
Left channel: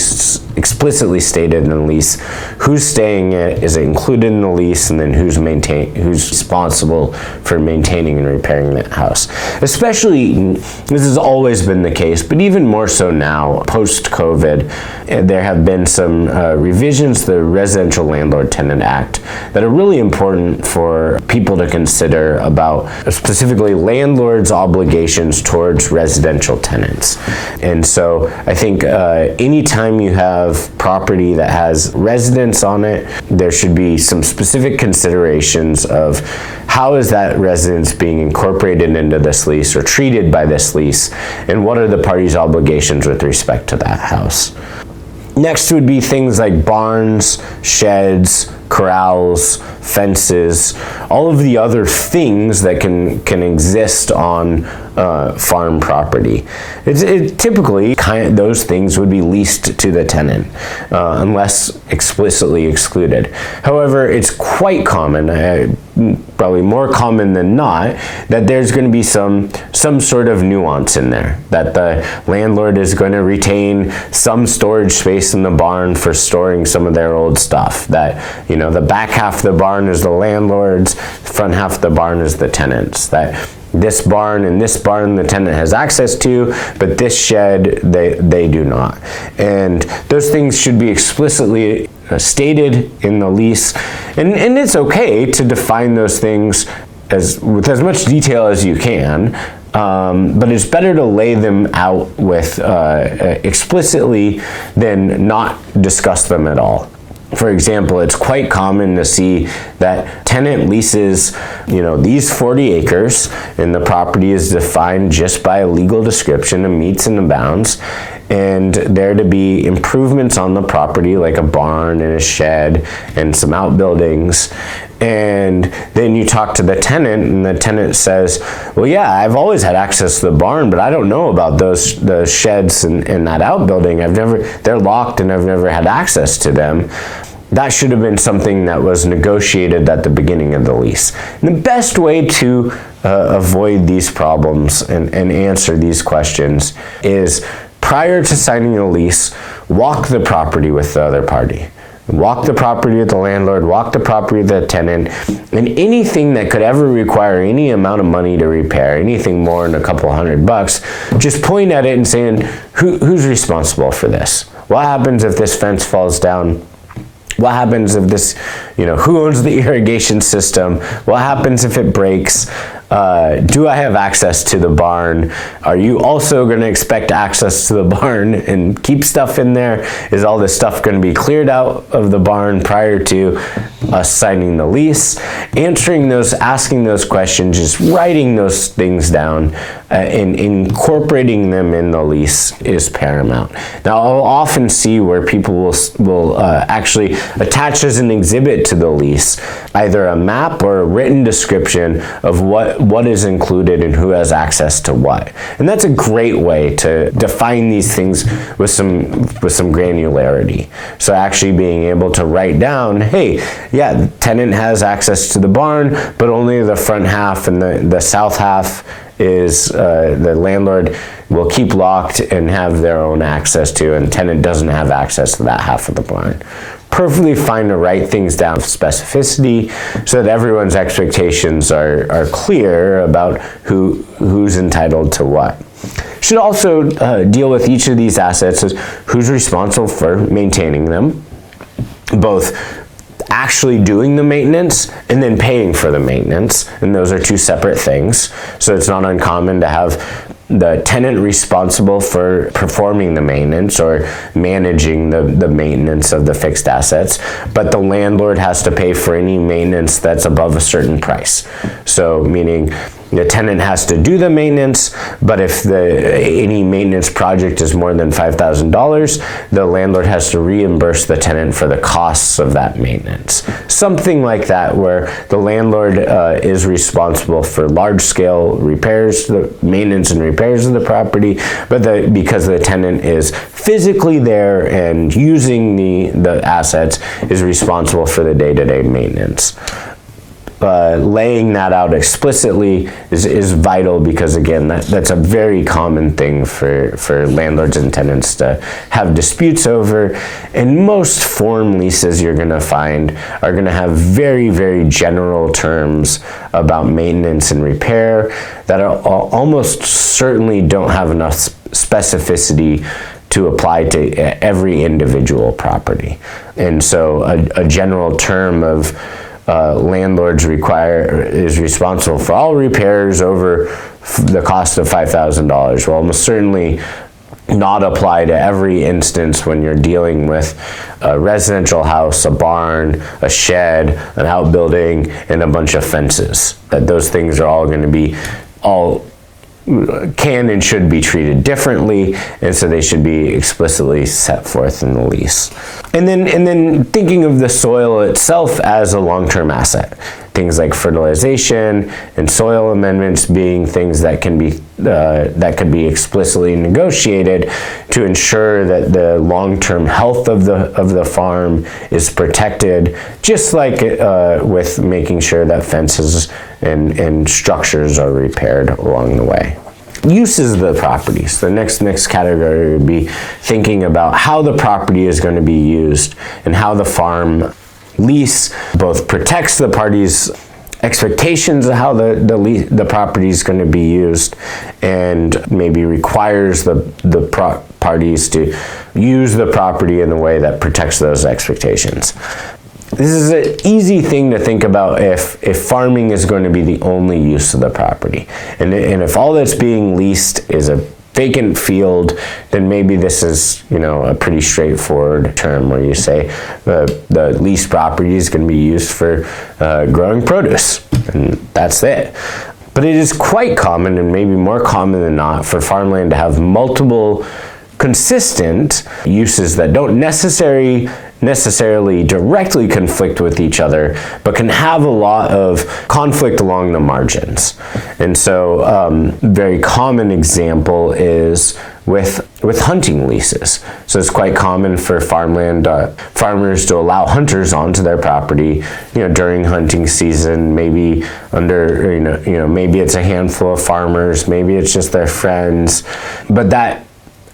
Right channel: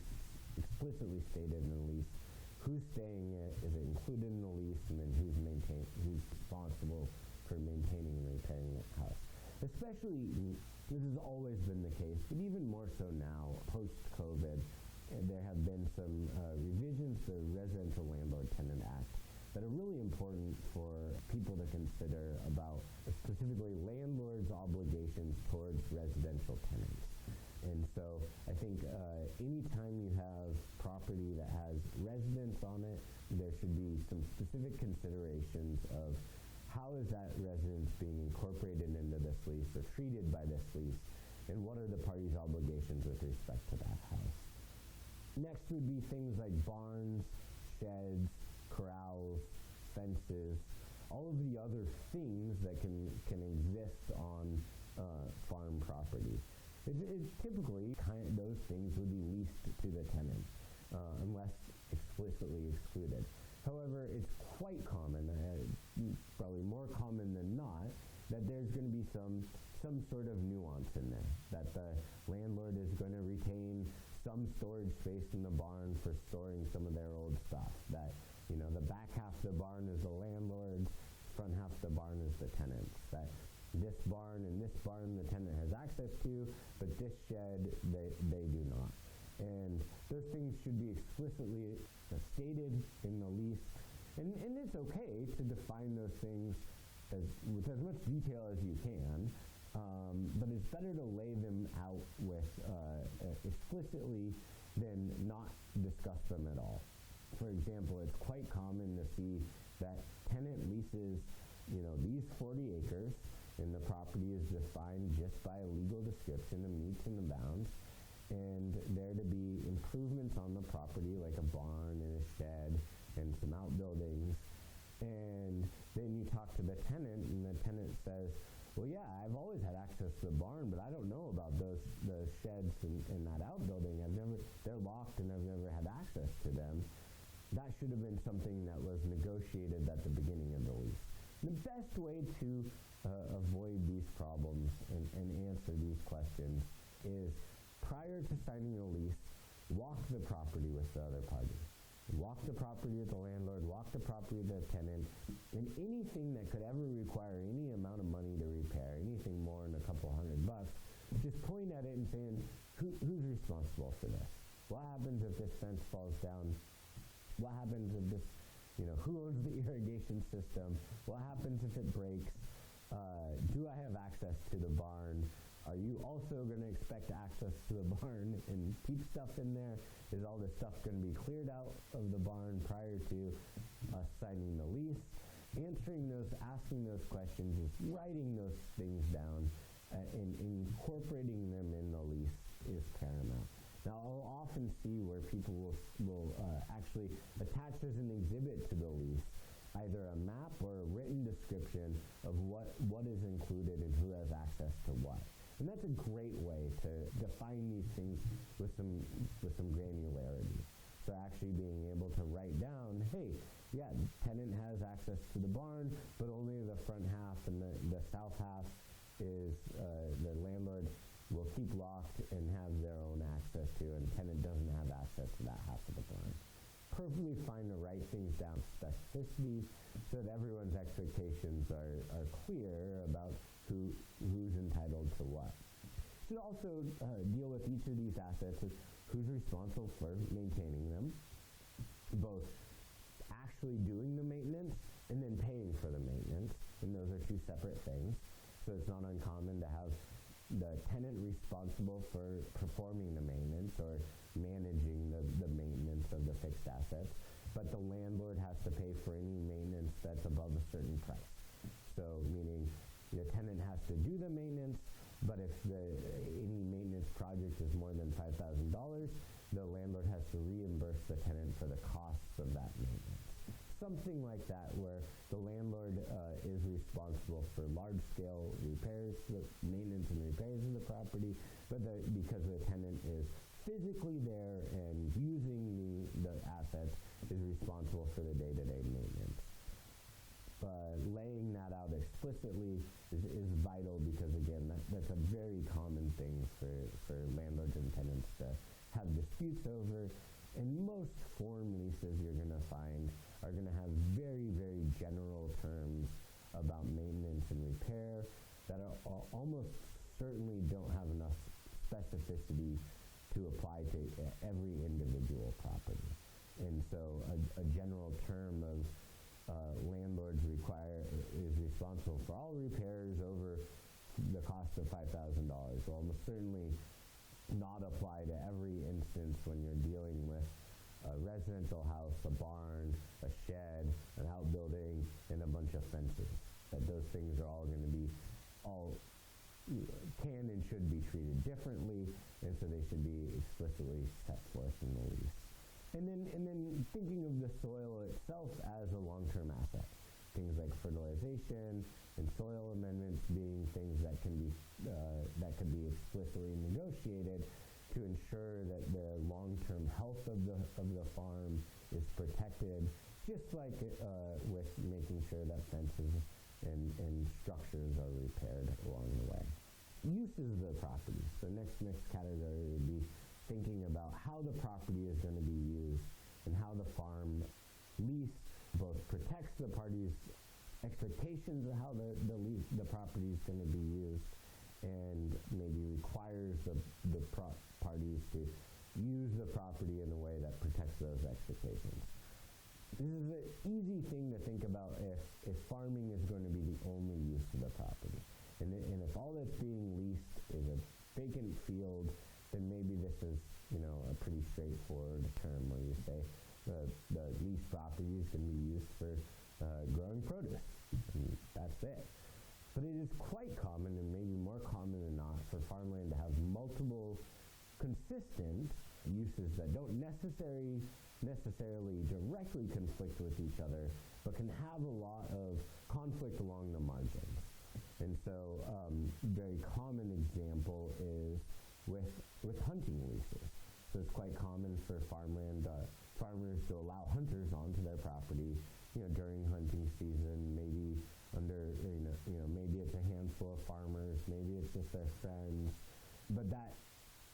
stated in the lease who's staying it, is it included in the lease, and then who's responsible for maintaining and repairing that house. Especially, this has always been the case, but even even more so now, post-COVID, there have been some revisions to the Residential Landlord-Tenant Act that are really important for people to consider about specifically landlords' obligations towards residential tenants. And so I think anytime you have property that has residents on it, there should be some specific considerations of how is that residence being incorporated into this lease or treated by this lease, and what are the parties' obligations with respect to that house. Next would be things like barns, sheds, corrals, fences, all of the other things that can exist on farm property. Typically, those things would be leased to the tenant, unless explicitly excluded. However, it's quite common, probably more common than not, that there's going to be some sort of nuance in there, that the landlord is going to retain some storage space in the barn for storing some of their old stuff, that, you know, the back half of the barn is the landlord's, front half of the barn is the tenant's, that this barn and this barn the tenant has access to, but this shed they do not. And those things should be explicitly stated in the lease, and it's okay to define those things with as much detail as you can, but it's better to lay them out with explicitly than not discuss them at all. For example, it's quite common to see that tenant leases, you know, these 40 acres, and the property is defined just by a legal description of meets and bounds, and there to be improvements on the property like a barn and a shed and some outbuildings. And then you talk to the tenant, and the tenant says, well, yeah, I've always had access to the barn, but I don't know about the sheds and that outbuilding. They're locked and I've never had access to them. That should have been something that was negotiated at the beginning of the lease. And the best way to avoid these problems and answer these questions is, prior to signing a lease, walk the property with the other party. Walk the property with the landlord, walk the property with the tenant, and anything that could ever require any amount of money to repair, anything more than a couple $100, just point at it and saying, who's responsible for this? What happens if this fence falls down? What happens if this, you know, who owns the irrigation system? What happens if it breaks? Do I have access to the barn? Are you also going to expect access to the barn and keep stuff in there? Is all this stuff going to be cleared out of the barn prior to us signing the lease? Asking those questions, just writing those things down and incorporating them in the lease is paramount. Now, I'll often see where people will actually attach as an exhibit to the lease either a map or a written description of what is included and who has access to what. And that's a great way to define these things with some granularity. So actually being able to write down, hey, yeah, the tenant has access to the barn, but only the front half, and the south half is the landlord will keep locked and have their own access to, and tenant doesn't have access to that half of the barn. Perfectly fine to write things down with specificity so that everyone's expectations are clear about who's entitled to what. Should also deal with each of these assets as who's responsible for maintaining them, both actually doing the maintenance and then paying for the maintenance, and those are two separate things. So it's not uncommon to have the tenant responsible for performing the maintenance or managing the maintenance of the fixed assets, but the landlord has to pay for any maintenance that's above a certain price. So meaning the tenant has to do the maintenance, but if any maintenance project is more than $5,000, the landlord has to reimburse the tenant for the costs of that maintenance. Something like that, where the landlord is responsible for large-scale repairs, the maintenance and repairs of the property, but because the tenant is physically there and using the assets, is responsible for the day-to-day maintenance. laying that out explicitly is vital, because again, that's a very common thing for landlords and tenants to have disputes over. And most form leases you're going to find are going to have very, very general terms about maintenance and repair that are almost certainly don't have enough specificity to apply to every individual property. And so a general term of landlords is responsible for all repairs over the cost of $5,000 will almost certainly not apply to every instance when you're dealing with a residential house, a barn, a shed, an outbuilding, and a bunch of fences. That those things are all going to be can and should be treated differently, and so they should be explicitly set forth in the lease. And then thinking of the soil itself as a long-term asset. Things like fertilization and soil amendments being things that can be that could be explicitly negotiated to ensure that the long-term health of the farm is protected, just like with making sure that fences and structures are repaired along the way. Uses of the properties. The next category would be thinking about how the property is going to be used and how the farm lease both protects the parties' expectations of how the property is going to be used, and maybe requires the parties to use the property in a way that protects those expectations. This is an easy thing to think about if farming is going to be the only use of the property. And if all that's being leased is a vacant field, then maybe this is, a pretty straightforward term where you say the leased property is going to be used for growing produce, and that's it. But it is quite common, and maybe more common than not, for farmland to have multiple consistent uses that don't necessarily directly conflict with each other, but can have a lot of conflict along the margins. And so very common example is with hunting leases. So it's quite common for farmland farmers to allow hunters onto their property, during hunting season, maybe maybe it's a handful of farmers, maybe it's just their friends, but that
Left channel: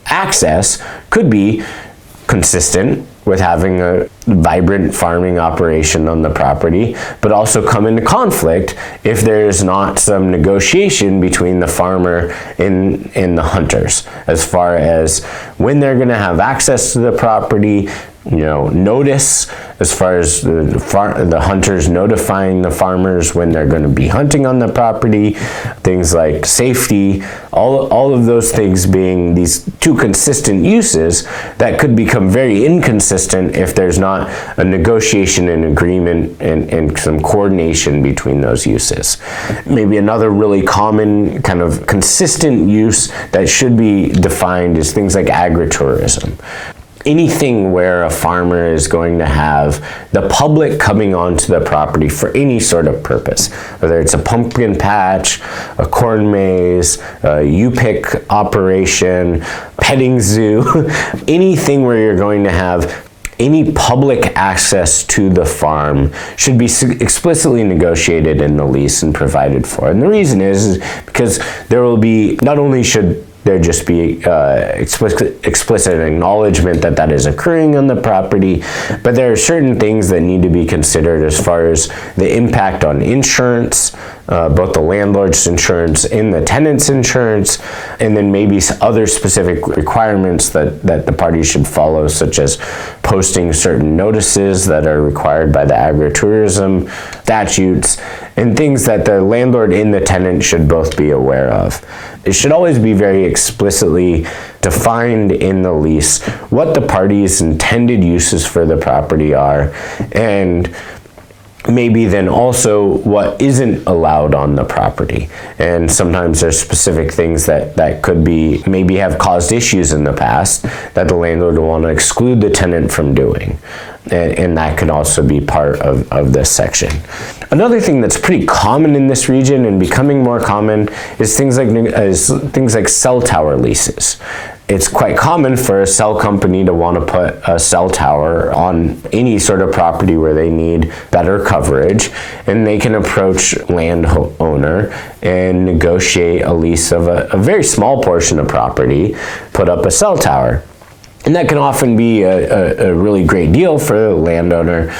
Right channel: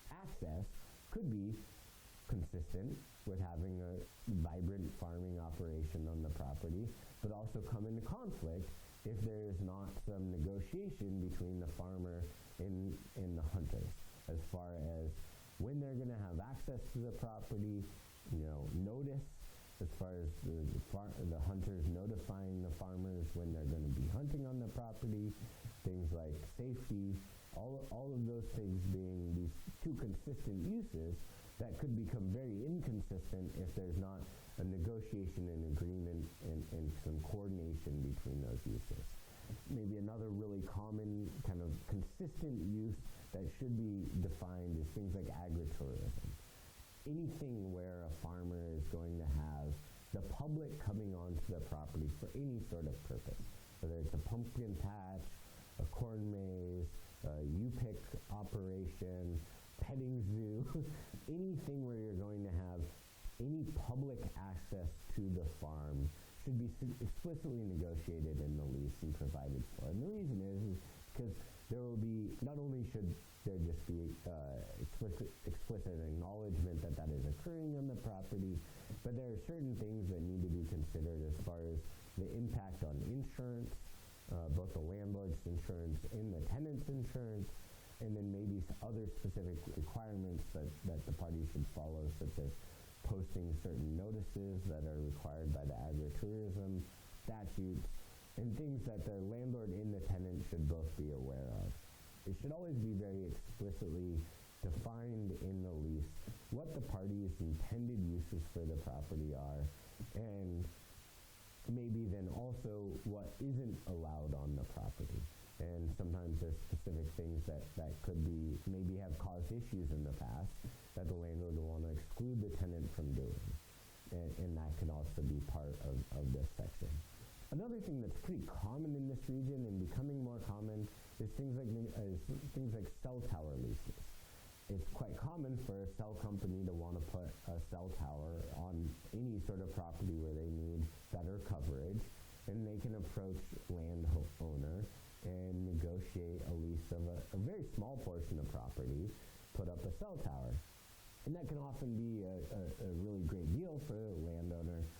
access could be consistent with having a vibrant farming operation on the property, but also come into conflict if there's not some negotiation between the farmer and the hunters as far as when they're going to have access to the property, notice as far as the hunters notifying the farmers when they're going to be hunting on the property, things like safety, all of those things being these two consistent uses that could become very inconsistent if there's not a negotiation and agreement and some coordination between those uses. Maybe another really common kind of consistent use that should be defined is things like agritourism. Anything where a farmer is going to have the public coming onto the property for any sort of purpose, whether it's a pumpkin patch, a corn maze, a U-pick operation, petting zoo, anything where you're going to have any public access to the farm should be explicitly negotiated in the lease and provided for. And the reason is because there will be, not only should there just be explicit acknowledgement that is occurring on the property, but there are certain things that need to be considered as far as the impact on insurance, both the landlord's insurance and the tenant's insurance, and then maybe other specific requirements that the parties should follow, such as posting certain notices that are required by the agritourism statutes, and things that the landlord and the tenant should both be aware of. It should always be very explicitly defined in the lease what the parties' intended uses for the property are, and maybe then also what isn't allowed on the property. And sometimes there's specific things that could be, maybe have caused issues in the past that the landlord will want to exclude the tenant from doing. And that can also be part of this section. Another thing that's pretty common in this region and becoming more common is things like cell tower leases. it's quite common for a cell company to want to put a cell tower on any sort of property where they need better coverage, and they can approach landowner and negotiate a lease of a very small portion of property, put up a cell tower. And that can often be a really great deal for the landowner,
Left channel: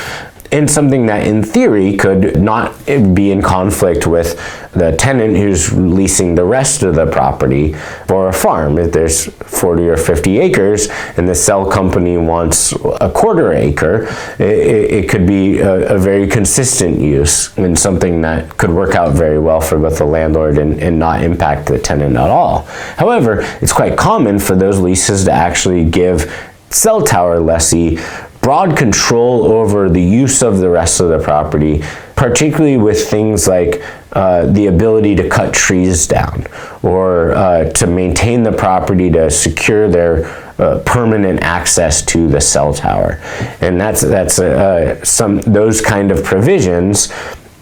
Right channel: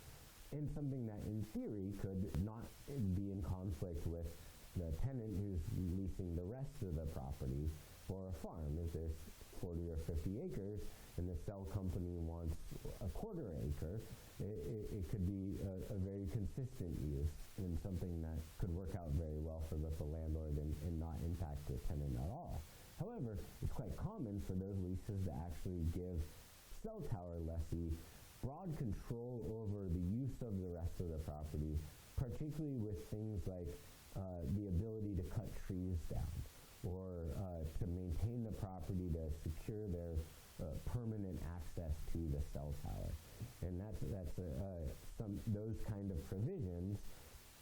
and something that in theory could not be in conflict with the tenant who's leasing the rest of the property for a farm. If there's 40 or 50 acres and the cell company wants a quarter acre, it could be a very consistent use and something that could work out very well for both the landlord and not impact the tenant at all. However, it's quite common for those leases to actually give cell tower lessee broad control over the use of the rest of the property, particularly with things like the ability to cut trees down or to maintain the property to secure their permanent access to the cell tower. And that's those kind of provisions.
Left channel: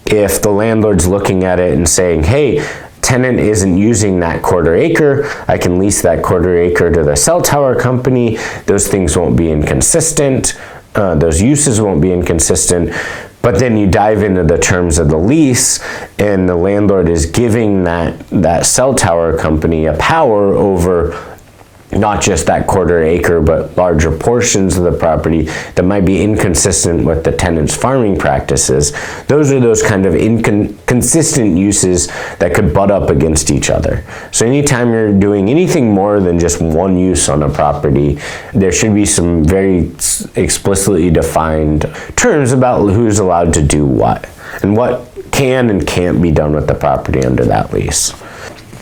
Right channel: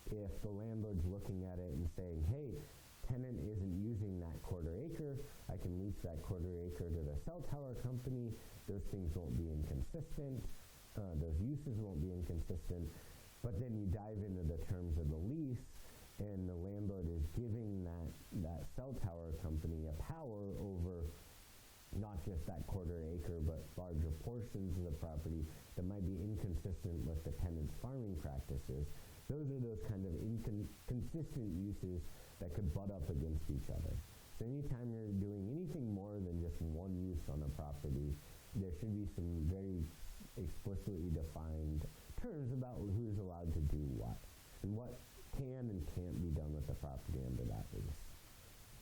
If the landlord's looking at it and saying, hey, tenant isn't using that quarter acre, I can lease that quarter acre to the cell tower company, those things won't be inconsistent, those uses won't be inconsistent. But then you dive into the terms of the lease, and the landlord is giving that cell tower company a power over not just that quarter acre, but larger portions of the property that might be inconsistent with the tenant's farming practices. Those are those kind of inconsistent uses that could butt up against each other. So anytime you're doing anything more than just one use on a property, there should be some very explicitly defined terms about who's allowed to do what and what can and can't be done with the property under that lease.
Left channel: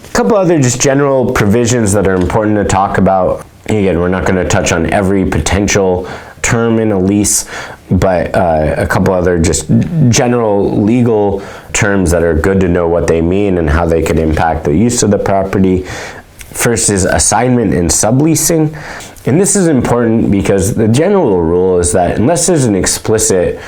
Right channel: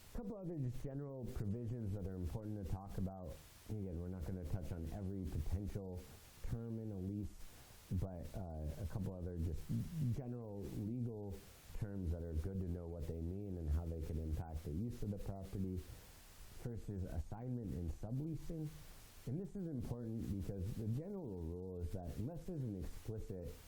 A couple other just general provisions that are important to talk about. Again, we're not going to touch on every potential term in a lease, but a couple other just general legal terms that are good to know what they mean and how they could impact the use of the property. First is assignment and subleasing. And this is important because the general rule is that unless there's an explicit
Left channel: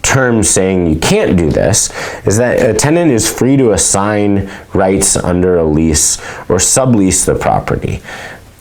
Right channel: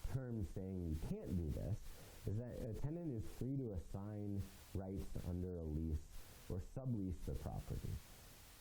term saying you can't do this, is that a tenant is free to assign rights under a lease or sublease the property.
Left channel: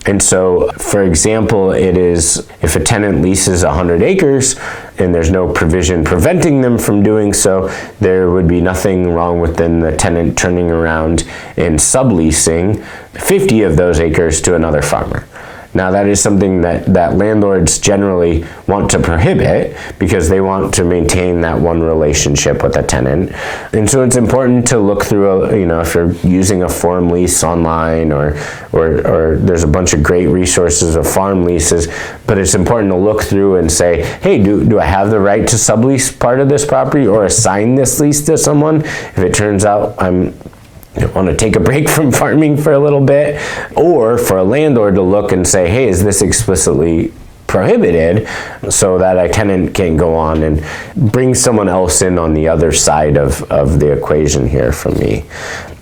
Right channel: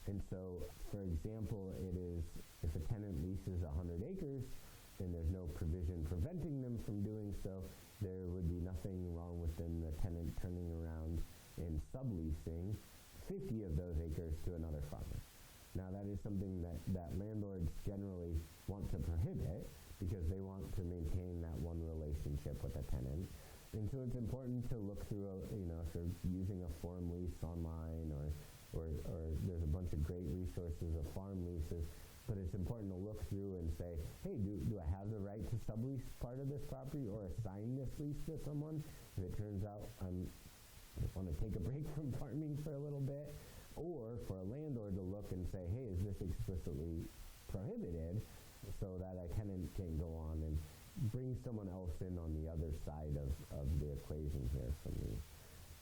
And so, for example, it is if a tenant leases 100 acres and there's no provision preventing them from doing so, there would be nothing wrong with then the tenant turning around and subleasing 50 of those acres to another farmer. Now that is something that landlords generally want to prohibit because they want to maintain that one relationship with a tenant. And so it's important to look through, if you're using a farm lease online or there's a bunch of great resources of farm leases, but it's important to look through and say, hey, do I have the right to sublease part of this property or assign this lease to someone? If it turns out I want to take a break from farming for a little bit, or for a landlord to look and say, hey, is this explicitly prohibited, so that a tenant can go on and bring someone else in on the other side of the equation here from me.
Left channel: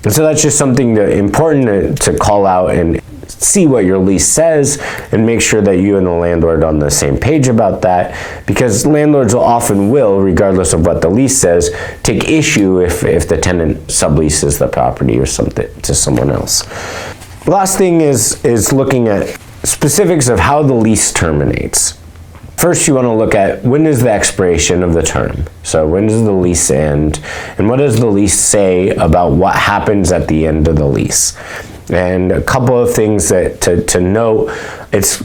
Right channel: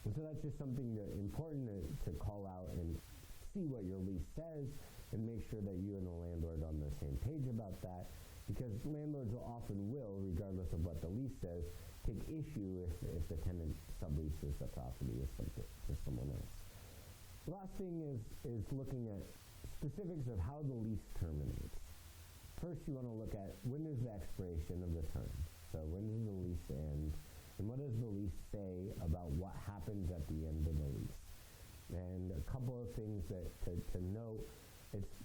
And so that's just something important to call out and see what your lease says and make sure that you and the landlord are on the same page about that, because landlords will, regardless of what the lease says, take issue if the tenant subleases the property or something to someone else. The last thing is looking at specifics of how the lease terminates. First, you want to look at when is the expiration of the term. So when does the lease end, and what does the lease say about what happens at the end of the lease? And a couple of things that to note, it's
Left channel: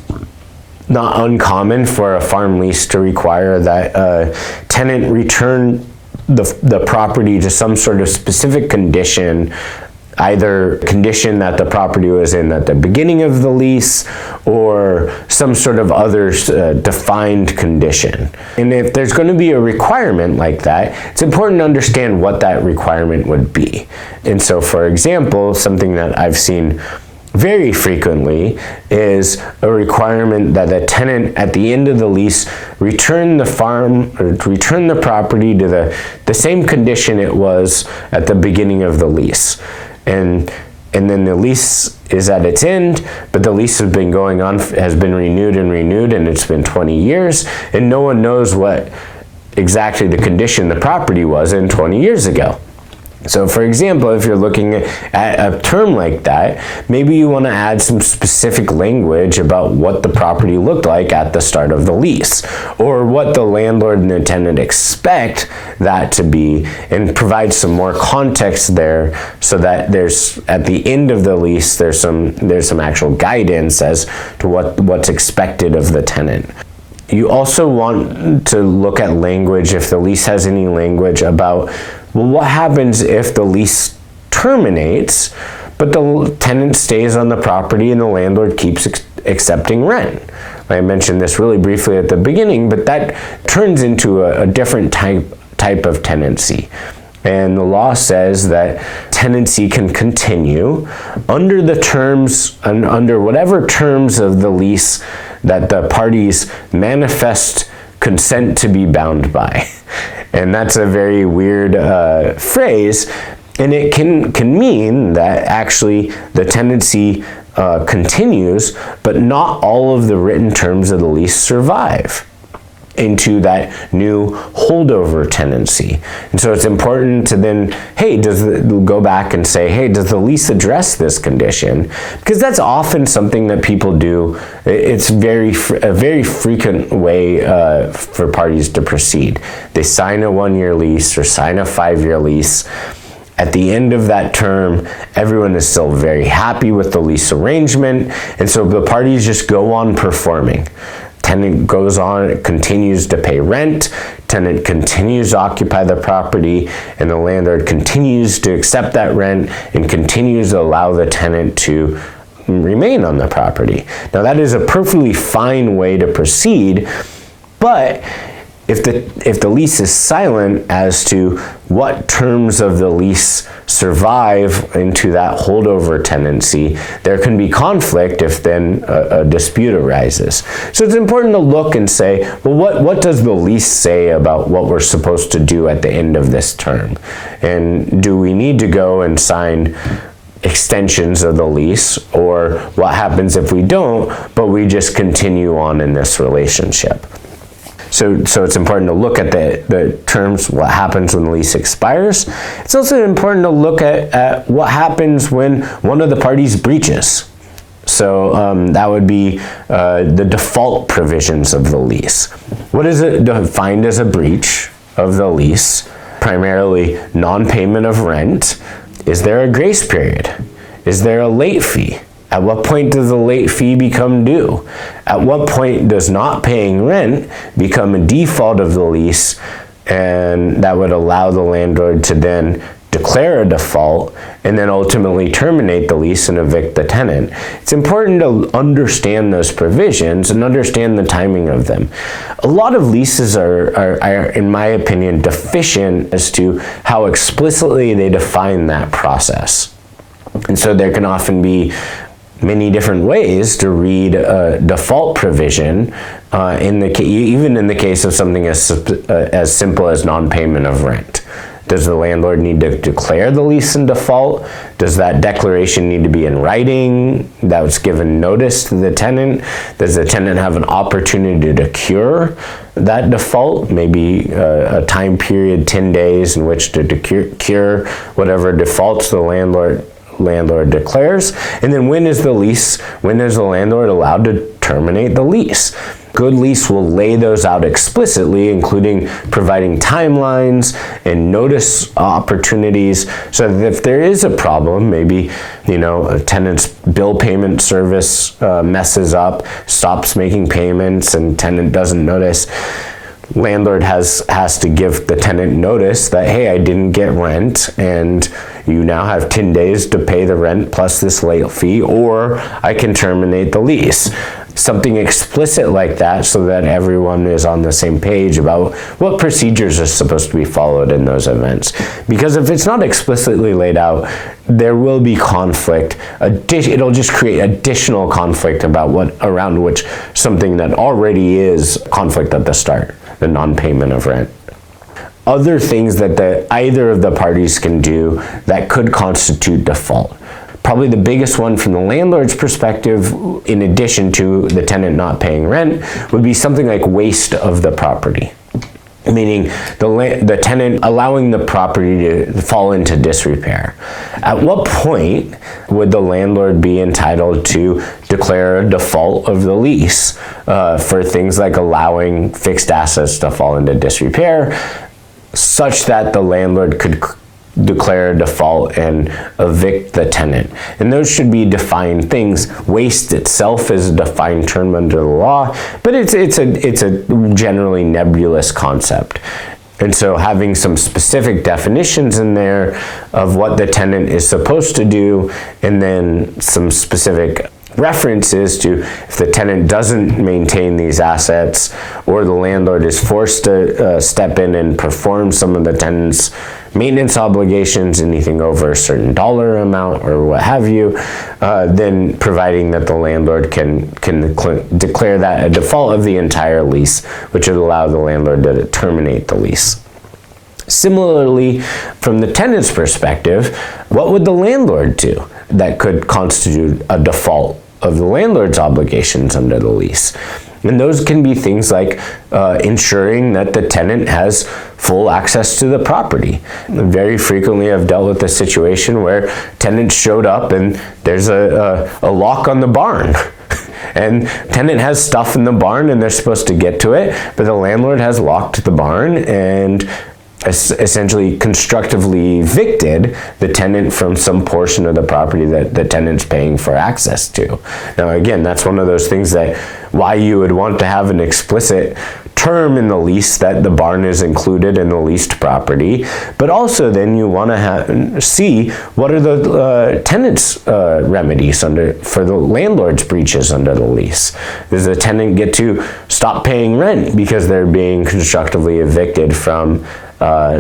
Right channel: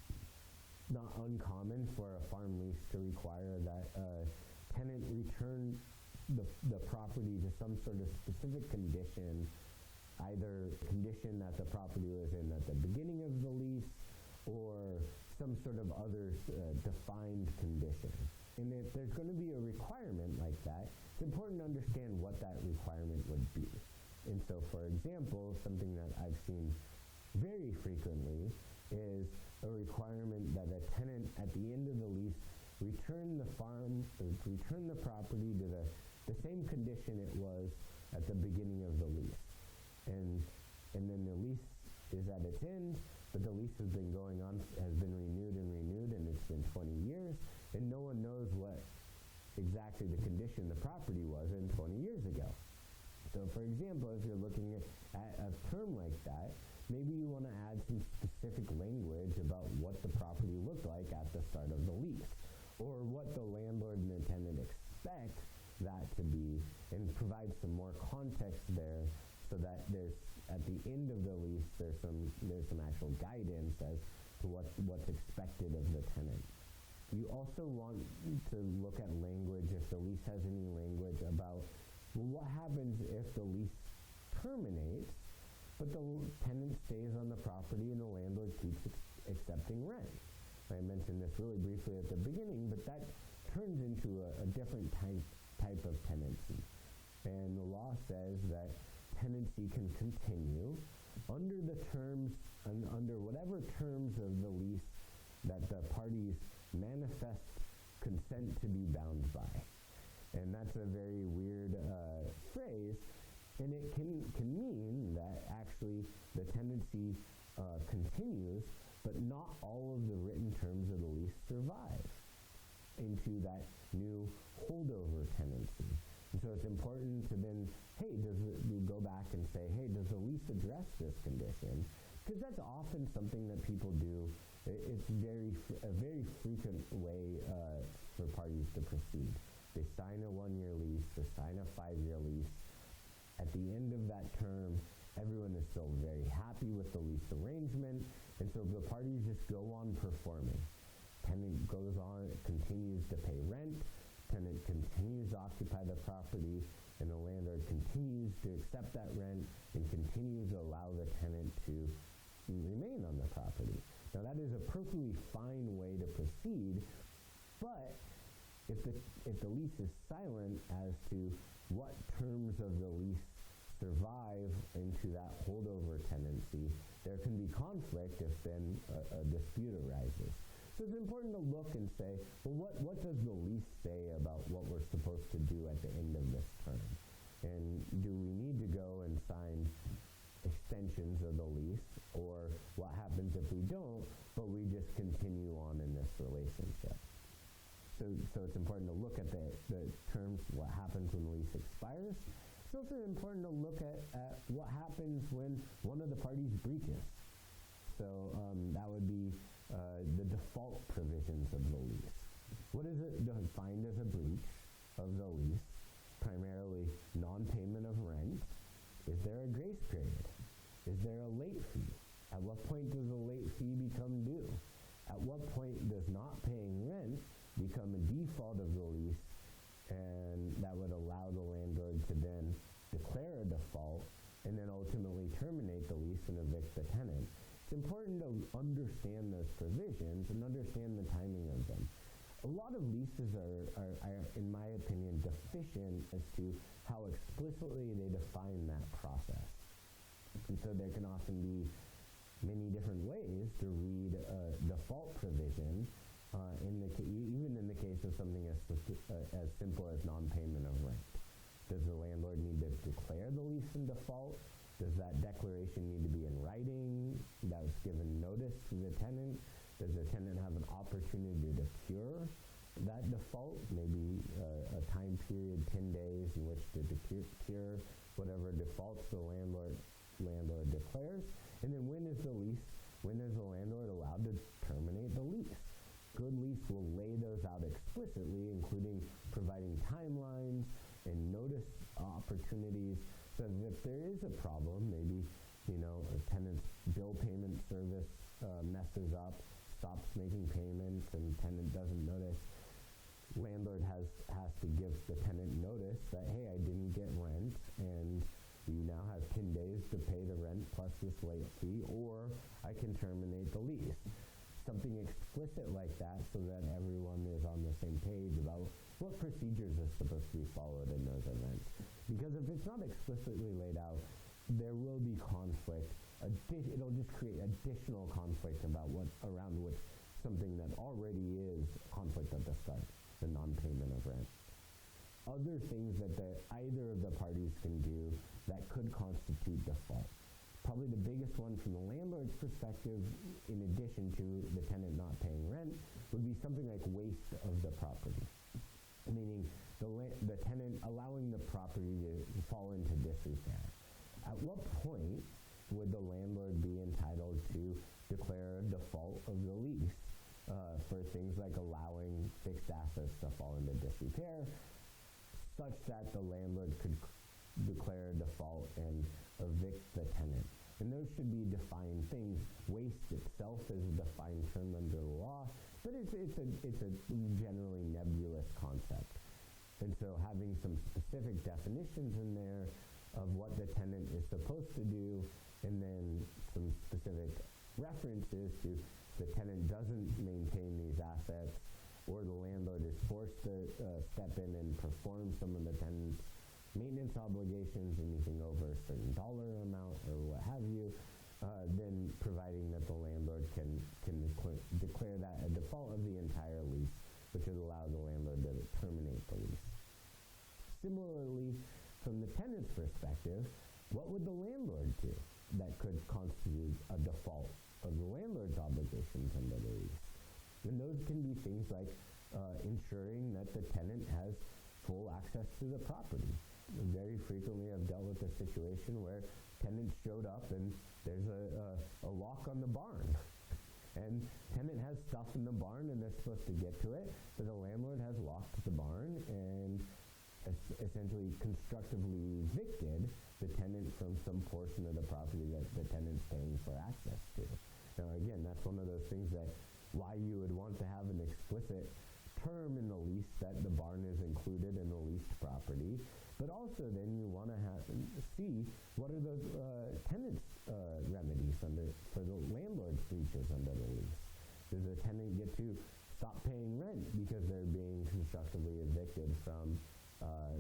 not uncommon for a farm lease to require that a tenant return the property to some sort of specific condition, either condition that the property was in at the beginning of the lease or some sort of other defined condition. And if there's going to be a requirement like that, it's important to understand what that requirement would be. And so, for example, something that I've seen very frequently is a requirement that the tenant at the end of the lease return the property to the same condition it was at the beginning of the lease. And then the lease is at its end, but the lease has been going on, has been renewed, and it's been 20 years, and no one knows what exactly the condition the property was in 20 years ago. So for example, if you're looking at a term like that, maybe you want to add some specific language about what the property looked like at the start of the lease, or what the landlord and the tenant expect that to be, and provide some more context there so that there's, at the end of the lease, there's some actual guidance as to what's expected of the tenant. You also want to look at language, if the lease has any language about, well, what happens if the lease terminates, but the tenant stays on the property and the landlord keeps accepting rent? I mentioned this really briefly at the beginning, but that turns into a different type of tenancy. And the law says that tenancy can continue under the terms, and under whatever terms of the lease that the parties manifest consent to be bound by. And that's a very weird phrase, and it can mean that actually the tenancy continues, but not all of the written terms of the lease survive into that new holdover tenancy. And so it's important to then, go back and say, hey, does the lease address this condition? Because that's often something that people do. It's a very frequent way for parties to proceed. They sign a 1-year lease or sign a 5-year lease. At the end of that term, everyone is still very happy with the lease arrangement, and so the parties just go on performing. Tenant goes on, continues to pay rent, tenant continues to occupy the property, and the landlord continues to accept that rent and continues to allow the tenant to remain on the property. Now that is a perfectly fine way to proceed, but if the lease is silent as to what terms of the lease survive into that holdover tenancy, there can be conflict if then a dispute arises. So it's important to look and say, well, what does the lease say about what we're supposed to do at the end of this term? And do we need to go and sign extensions of the lease, or what happens if we don't, but we just continue on in this relationship? So it's important to look at the terms, what happens when the lease expires. It's also important to look at what happens when one of the parties breaches. So that would be the default provisions of the lease. What is it defined as a breach of the lease? Primarily non-payment of rent. Is there a grace period? Is there a late fee? At what point does the late fee become due? At what point does not paying rent become a default of the lease, and that would allow the landlord to then declare a default and then ultimately terminate the lease and evict the tenant? It's important to understand those provisions and understand the timing of them. A lot of leases are, in my opinion, deficient as to how explicitly they define that process. And so there can often be many different ways to read a default provision, even in the case of something as simple as non-payment of rent. Does the landlord need to declare the lease in default? Does that declaration need to be in writing that was given notice to the tenant? Does the tenant have an opportunity to cure that default? Maybe a time period, 10 days, in which to cure whatever defaults the landlord declares. And then when is the landlord allowed to terminate the lease? Good lease will lay those out explicitly, including providing timelines and notice opportunities, so that if there is a problem, maybe a tenant's bill payment service messes up, stops making payments, and tenant doesn't notice, landlord has to give the tenant notice that, hey, I didn't get rent, and you now have 10 days to pay the rent plus this late fee, or I can terminate the lease. Something explicit like that, so that everyone is on the same page about what procedures are supposed to be followed in those events. Because if it's not explicitly laid out, there will be conflict. It'll just create additional conflict around which something that already is conflict at the start, the non-payment of rent. Other things that either of the parties can do that could constitute default. Probably the biggest one from the landlord's perspective, in addition to the tenant not paying rent, would be something like waste of the property. meaning the tenant allowing the property to fall into disrepair. At what point would the landlord be entitled to declare a default of the lease for things like allowing fixed assets to fall into disrepair, such that the landlord could declare a default and evict the tenant? And those should be defined things. Waste itself is a defined term under the law, but it's a generally nebulous concept. And so having some specific definitions in there of what the tenant is supposed to do, and then some specific references to if the tenant doesn't maintain these assets, or the landlord is forced to step in and perform some of the tenant's maintenance obligations, anything over a certain dollar amount or what have you, then providing that the landlord can declare that a default of the entire lease, which would allow the landlord to terminate the lease. Similarly, from the tenant's perspective, what would the landlord do that could constitute a default of the landlord's obligations under the lease? And those can be things like ensuring that the tenant has full access to the property. Very frequently I've dealt with a situation where tenants showed up and there's a lock on the barn. And tenant has stuff in the barn and they're supposed to get to it, but the landlord has locked the barn and essentially constructively evicted the tenant from some portion of the property that the tenant's paying for access to. Now again, that's one of those things that why you would want to have an explicit term in the lease that the barn is included in the leased property, but also then you want to see what are the tenant's remedies for the landlord's breaches under the lease. Does the tenant get to stop paying rent because they're being constructively evicted from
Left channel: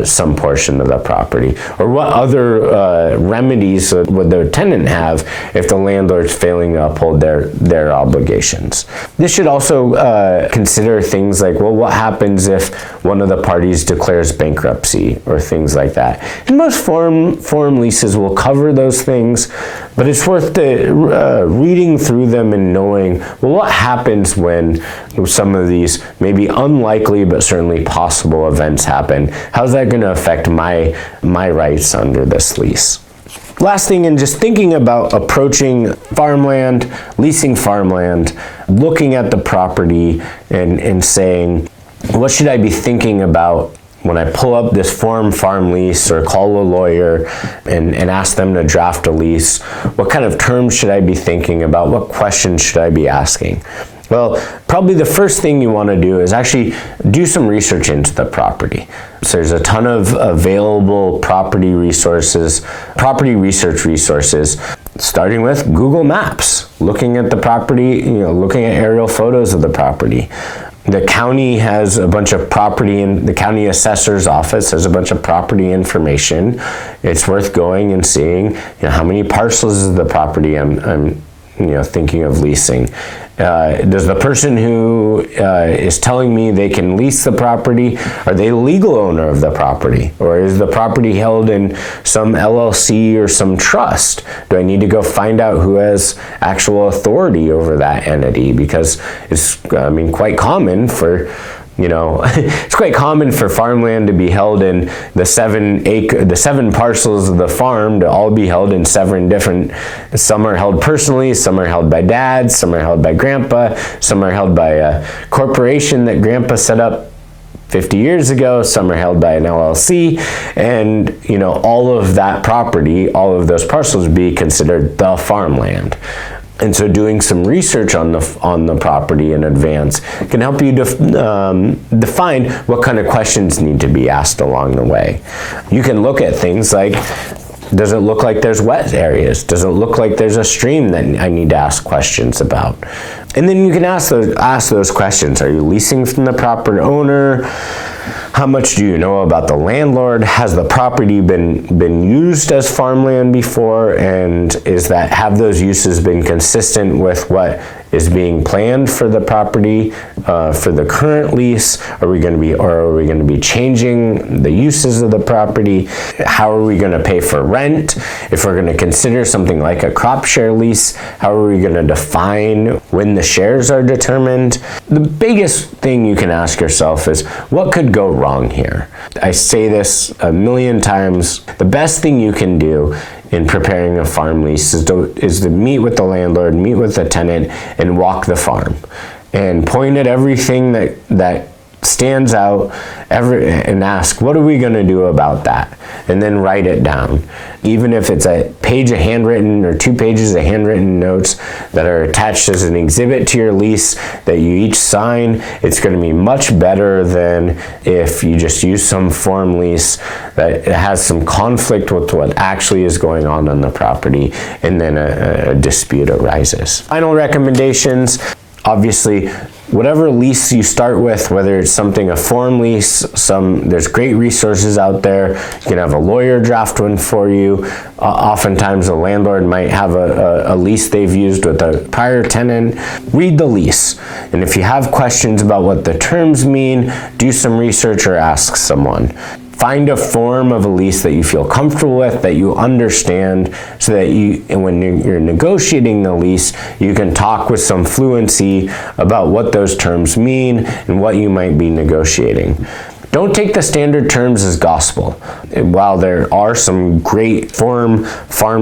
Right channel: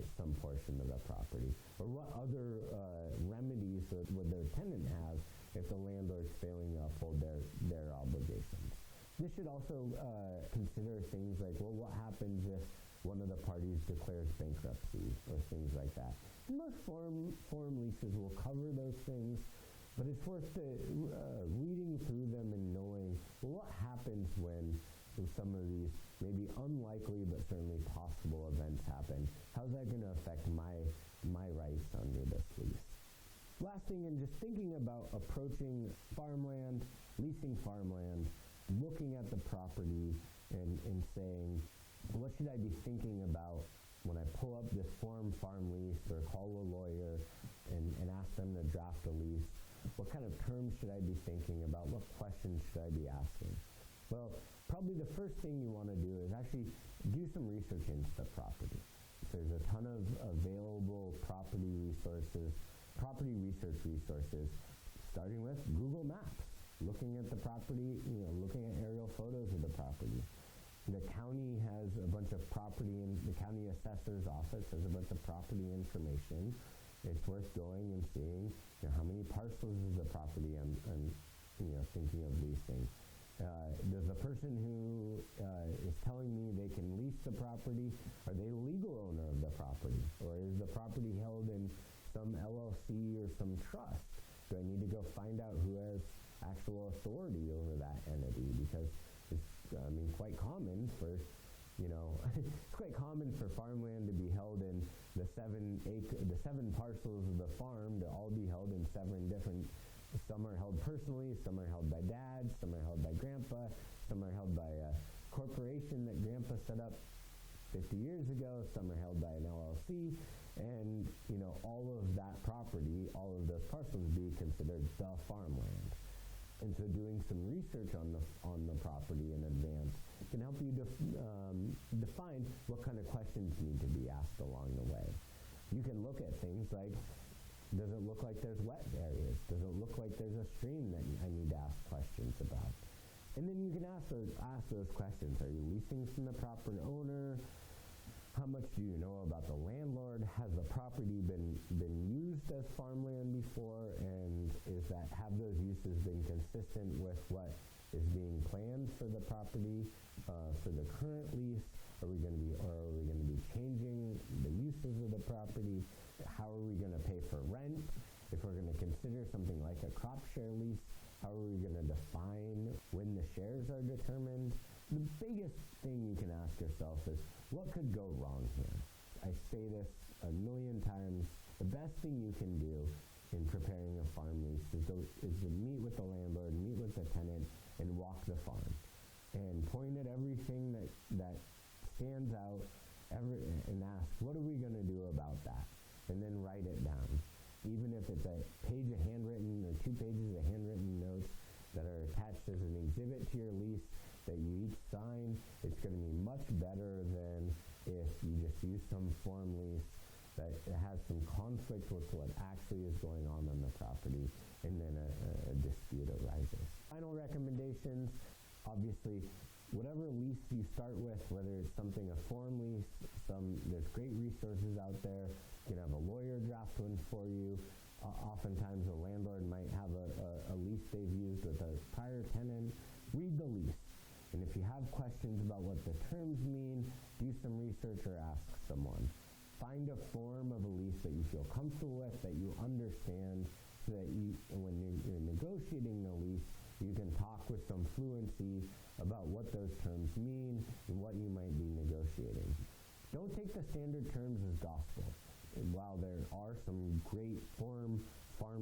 some portion of the property? Or what other remedies would the tenant have if the landlord's failing to uphold their obligations? This should also consider things like, well, what happens if one of the parties declares bankruptcy or things like that? And most form leases will cover those things, but it's worth reading through them and knowing, well, what happens when some of these maybe unlikely but certainly possible events happen? How's that going to affect my rights under this lease? Last thing, in just thinking about approaching farmland, leasing farmland, looking at the property and saying, what should I be thinking about when I pull up this farm lease, or call a lawyer and ask them to draft a lease? What kind of terms should I be thinking about? What questions should I be asking? Well, probably the first thing you want to do is actually do some research into the property. So there's a ton of available property research resources, starting with Google Maps, looking at the property, looking at aerial photos of the property. The county has a bunch of property, and the county assessor's office has a bunch of property information. It's worth going and seeing, how many parcels is the property I'm thinking of leasing. Does the person who is telling me they can lease the property, are they the legal owner of the property? Or is the property held in some LLC or some trust? Do I need to go find out who has actual authority over that entity? Because it's, quite common for it's quite common for farmland to be held in the 7 parcels of the farm to all be held in 7 different. Some are held personally, some are held by dad, some are held by grandpa, some are held by a corporation that grandpa set up 50 years ago, some are held by an LLC, and all of that property, all of those parcels would be considered the farmland. And so doing some research on the property in advance can help you define what kind of questions need to be asked along the way. You can look at things like, does it look like there's wet areas? Does it look like there's a stream that I need to ask questions about? And then you can ask those questions. Are you leasing from the property owner? How much do you know about the landlord? Has the property been used as farmland before? And have those uses been consistent with what is being planned for the property, for the current lease? Are we going to be changing the uses of the property? How are we going to pay for rent? If we're going to consider something like a crop share lease, how are we going to define when the shares are determined? The biggest thing you can ask yourself is, what could go wrong here? I say this a million times. The best thing you can do in preparing a farm lease is to meet with the landlord, meet with the tenant, and walk the farm and point at everything that stands out and ask, what are we going to do about that? And then write it down. Even if it's a page of handwritten or 2 pages of handwritten notes that are attached as an exhibit to your lease that you each sign, it's going to be much better than if you just use some form lease that has some conflict with what actually is going on the property, and then a dispute arises. Final recommendations. Obviously, whatever lease you start with, whether it's a form lease, there's great resources out there. You can have a lawyer draft one for you. Oftentimes a landlord might have a lease they've used with a prior tenant. Read the lease. And if you have questions about what the terms mean, do some research or ask someone. Find a form of a lease that you feel comfortable with, that you understand, so that when you're negotiating the lease, you can talk with some fluency about what those terms mean and what you might be negotiating. Don't take the standard terms as gospel. While there are some great farm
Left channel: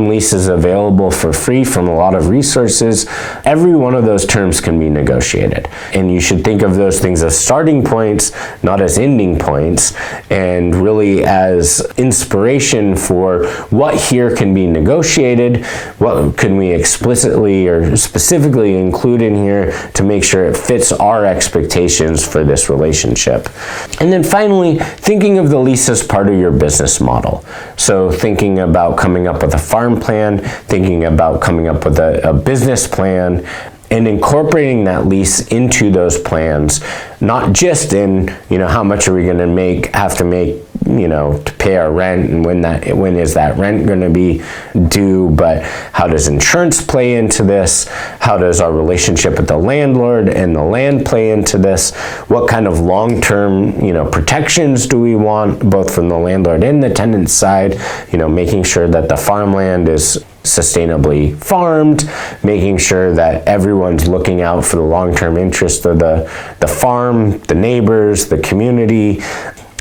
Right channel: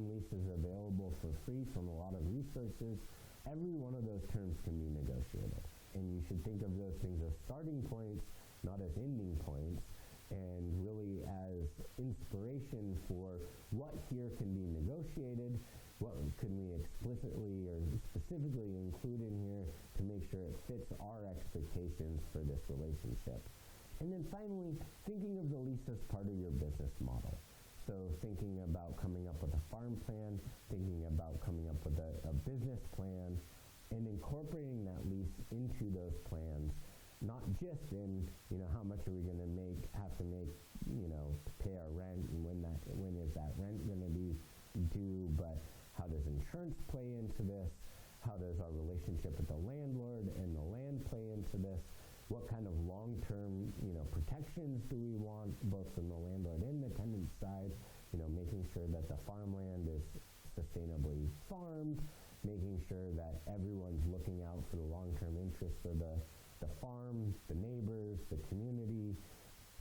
leases available for free from a lot of resources, every one of those terms can be negotiated. And you should think of those things as starting points, not as ending points, and really as inspiration for what here can be negotiated, what can we explicitly or specifically include in here to make sure it fits our expectations for this relationship. And then finally, thinking of the lease as part of your business model. So thinking about coming up with a farm plan, thinking about coming up with a business plan, and incorporating that lease into those plans, not just in, how much are we going to have to make, to pay our rent, and when is that rent going to be due, but how does insurance play into this? How does our relationship with the landlord and the land play into this? What kind of long-term, protections do we want, both from the landlord and the tenant side? Making sure that the farmland is sustainably farmed, making sure that everyone's looking out for the long-term interest of the farm, the neighbors, the community.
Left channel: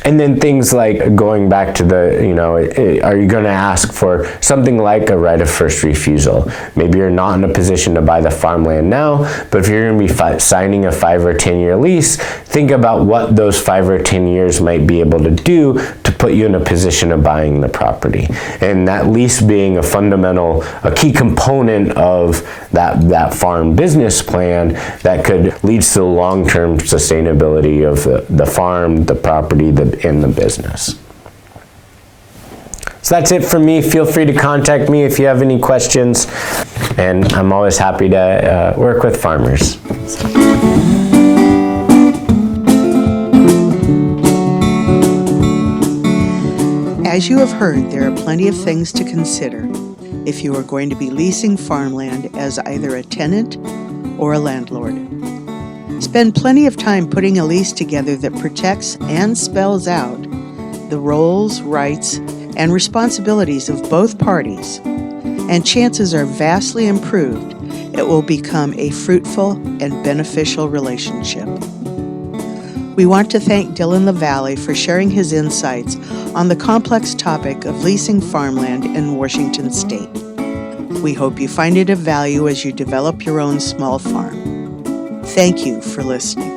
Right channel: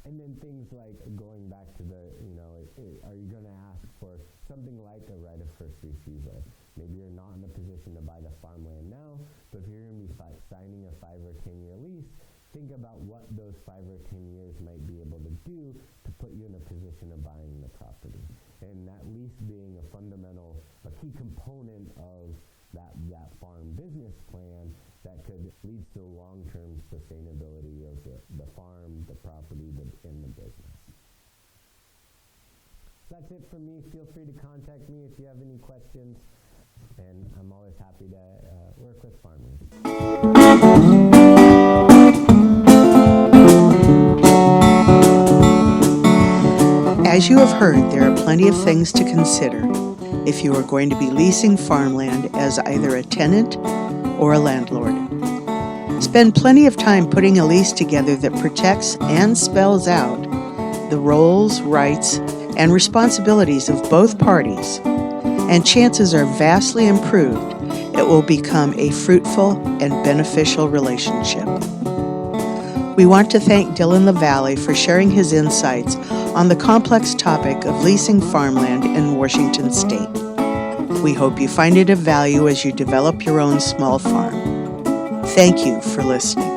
And then things like going back to are you going to ask for something like a right of first refusal? Maybe you're not in a position to buy the farmland now, but if you're going to be signing a 5 or 10 year lease, think about what those 5 or 10 years might be able to do to put you in a position of buying the property. And that lease being a key component of that farm business plan that could lead to the long-term sustainability of the farm, the property, in the business. So that's it from me. Feel free to contact me if you have any questions, and I'm always happy to work with farmers. As you have heard, there are plenty of things to consider if you are going to be leasing farmland as either a tenant or a landlord. Spend plenty of time putting a lease together that protects and spells out the roles, rights, and responsibilities of both parties, and chances are vastly improved it will become a fruitful and beneficial relationship. We want to thank Dylan LaValle for sharing his insights on the complex topic of leasing farmland in Washington State. We hope you find it of value as you develop your own small farm. Thank you for listening.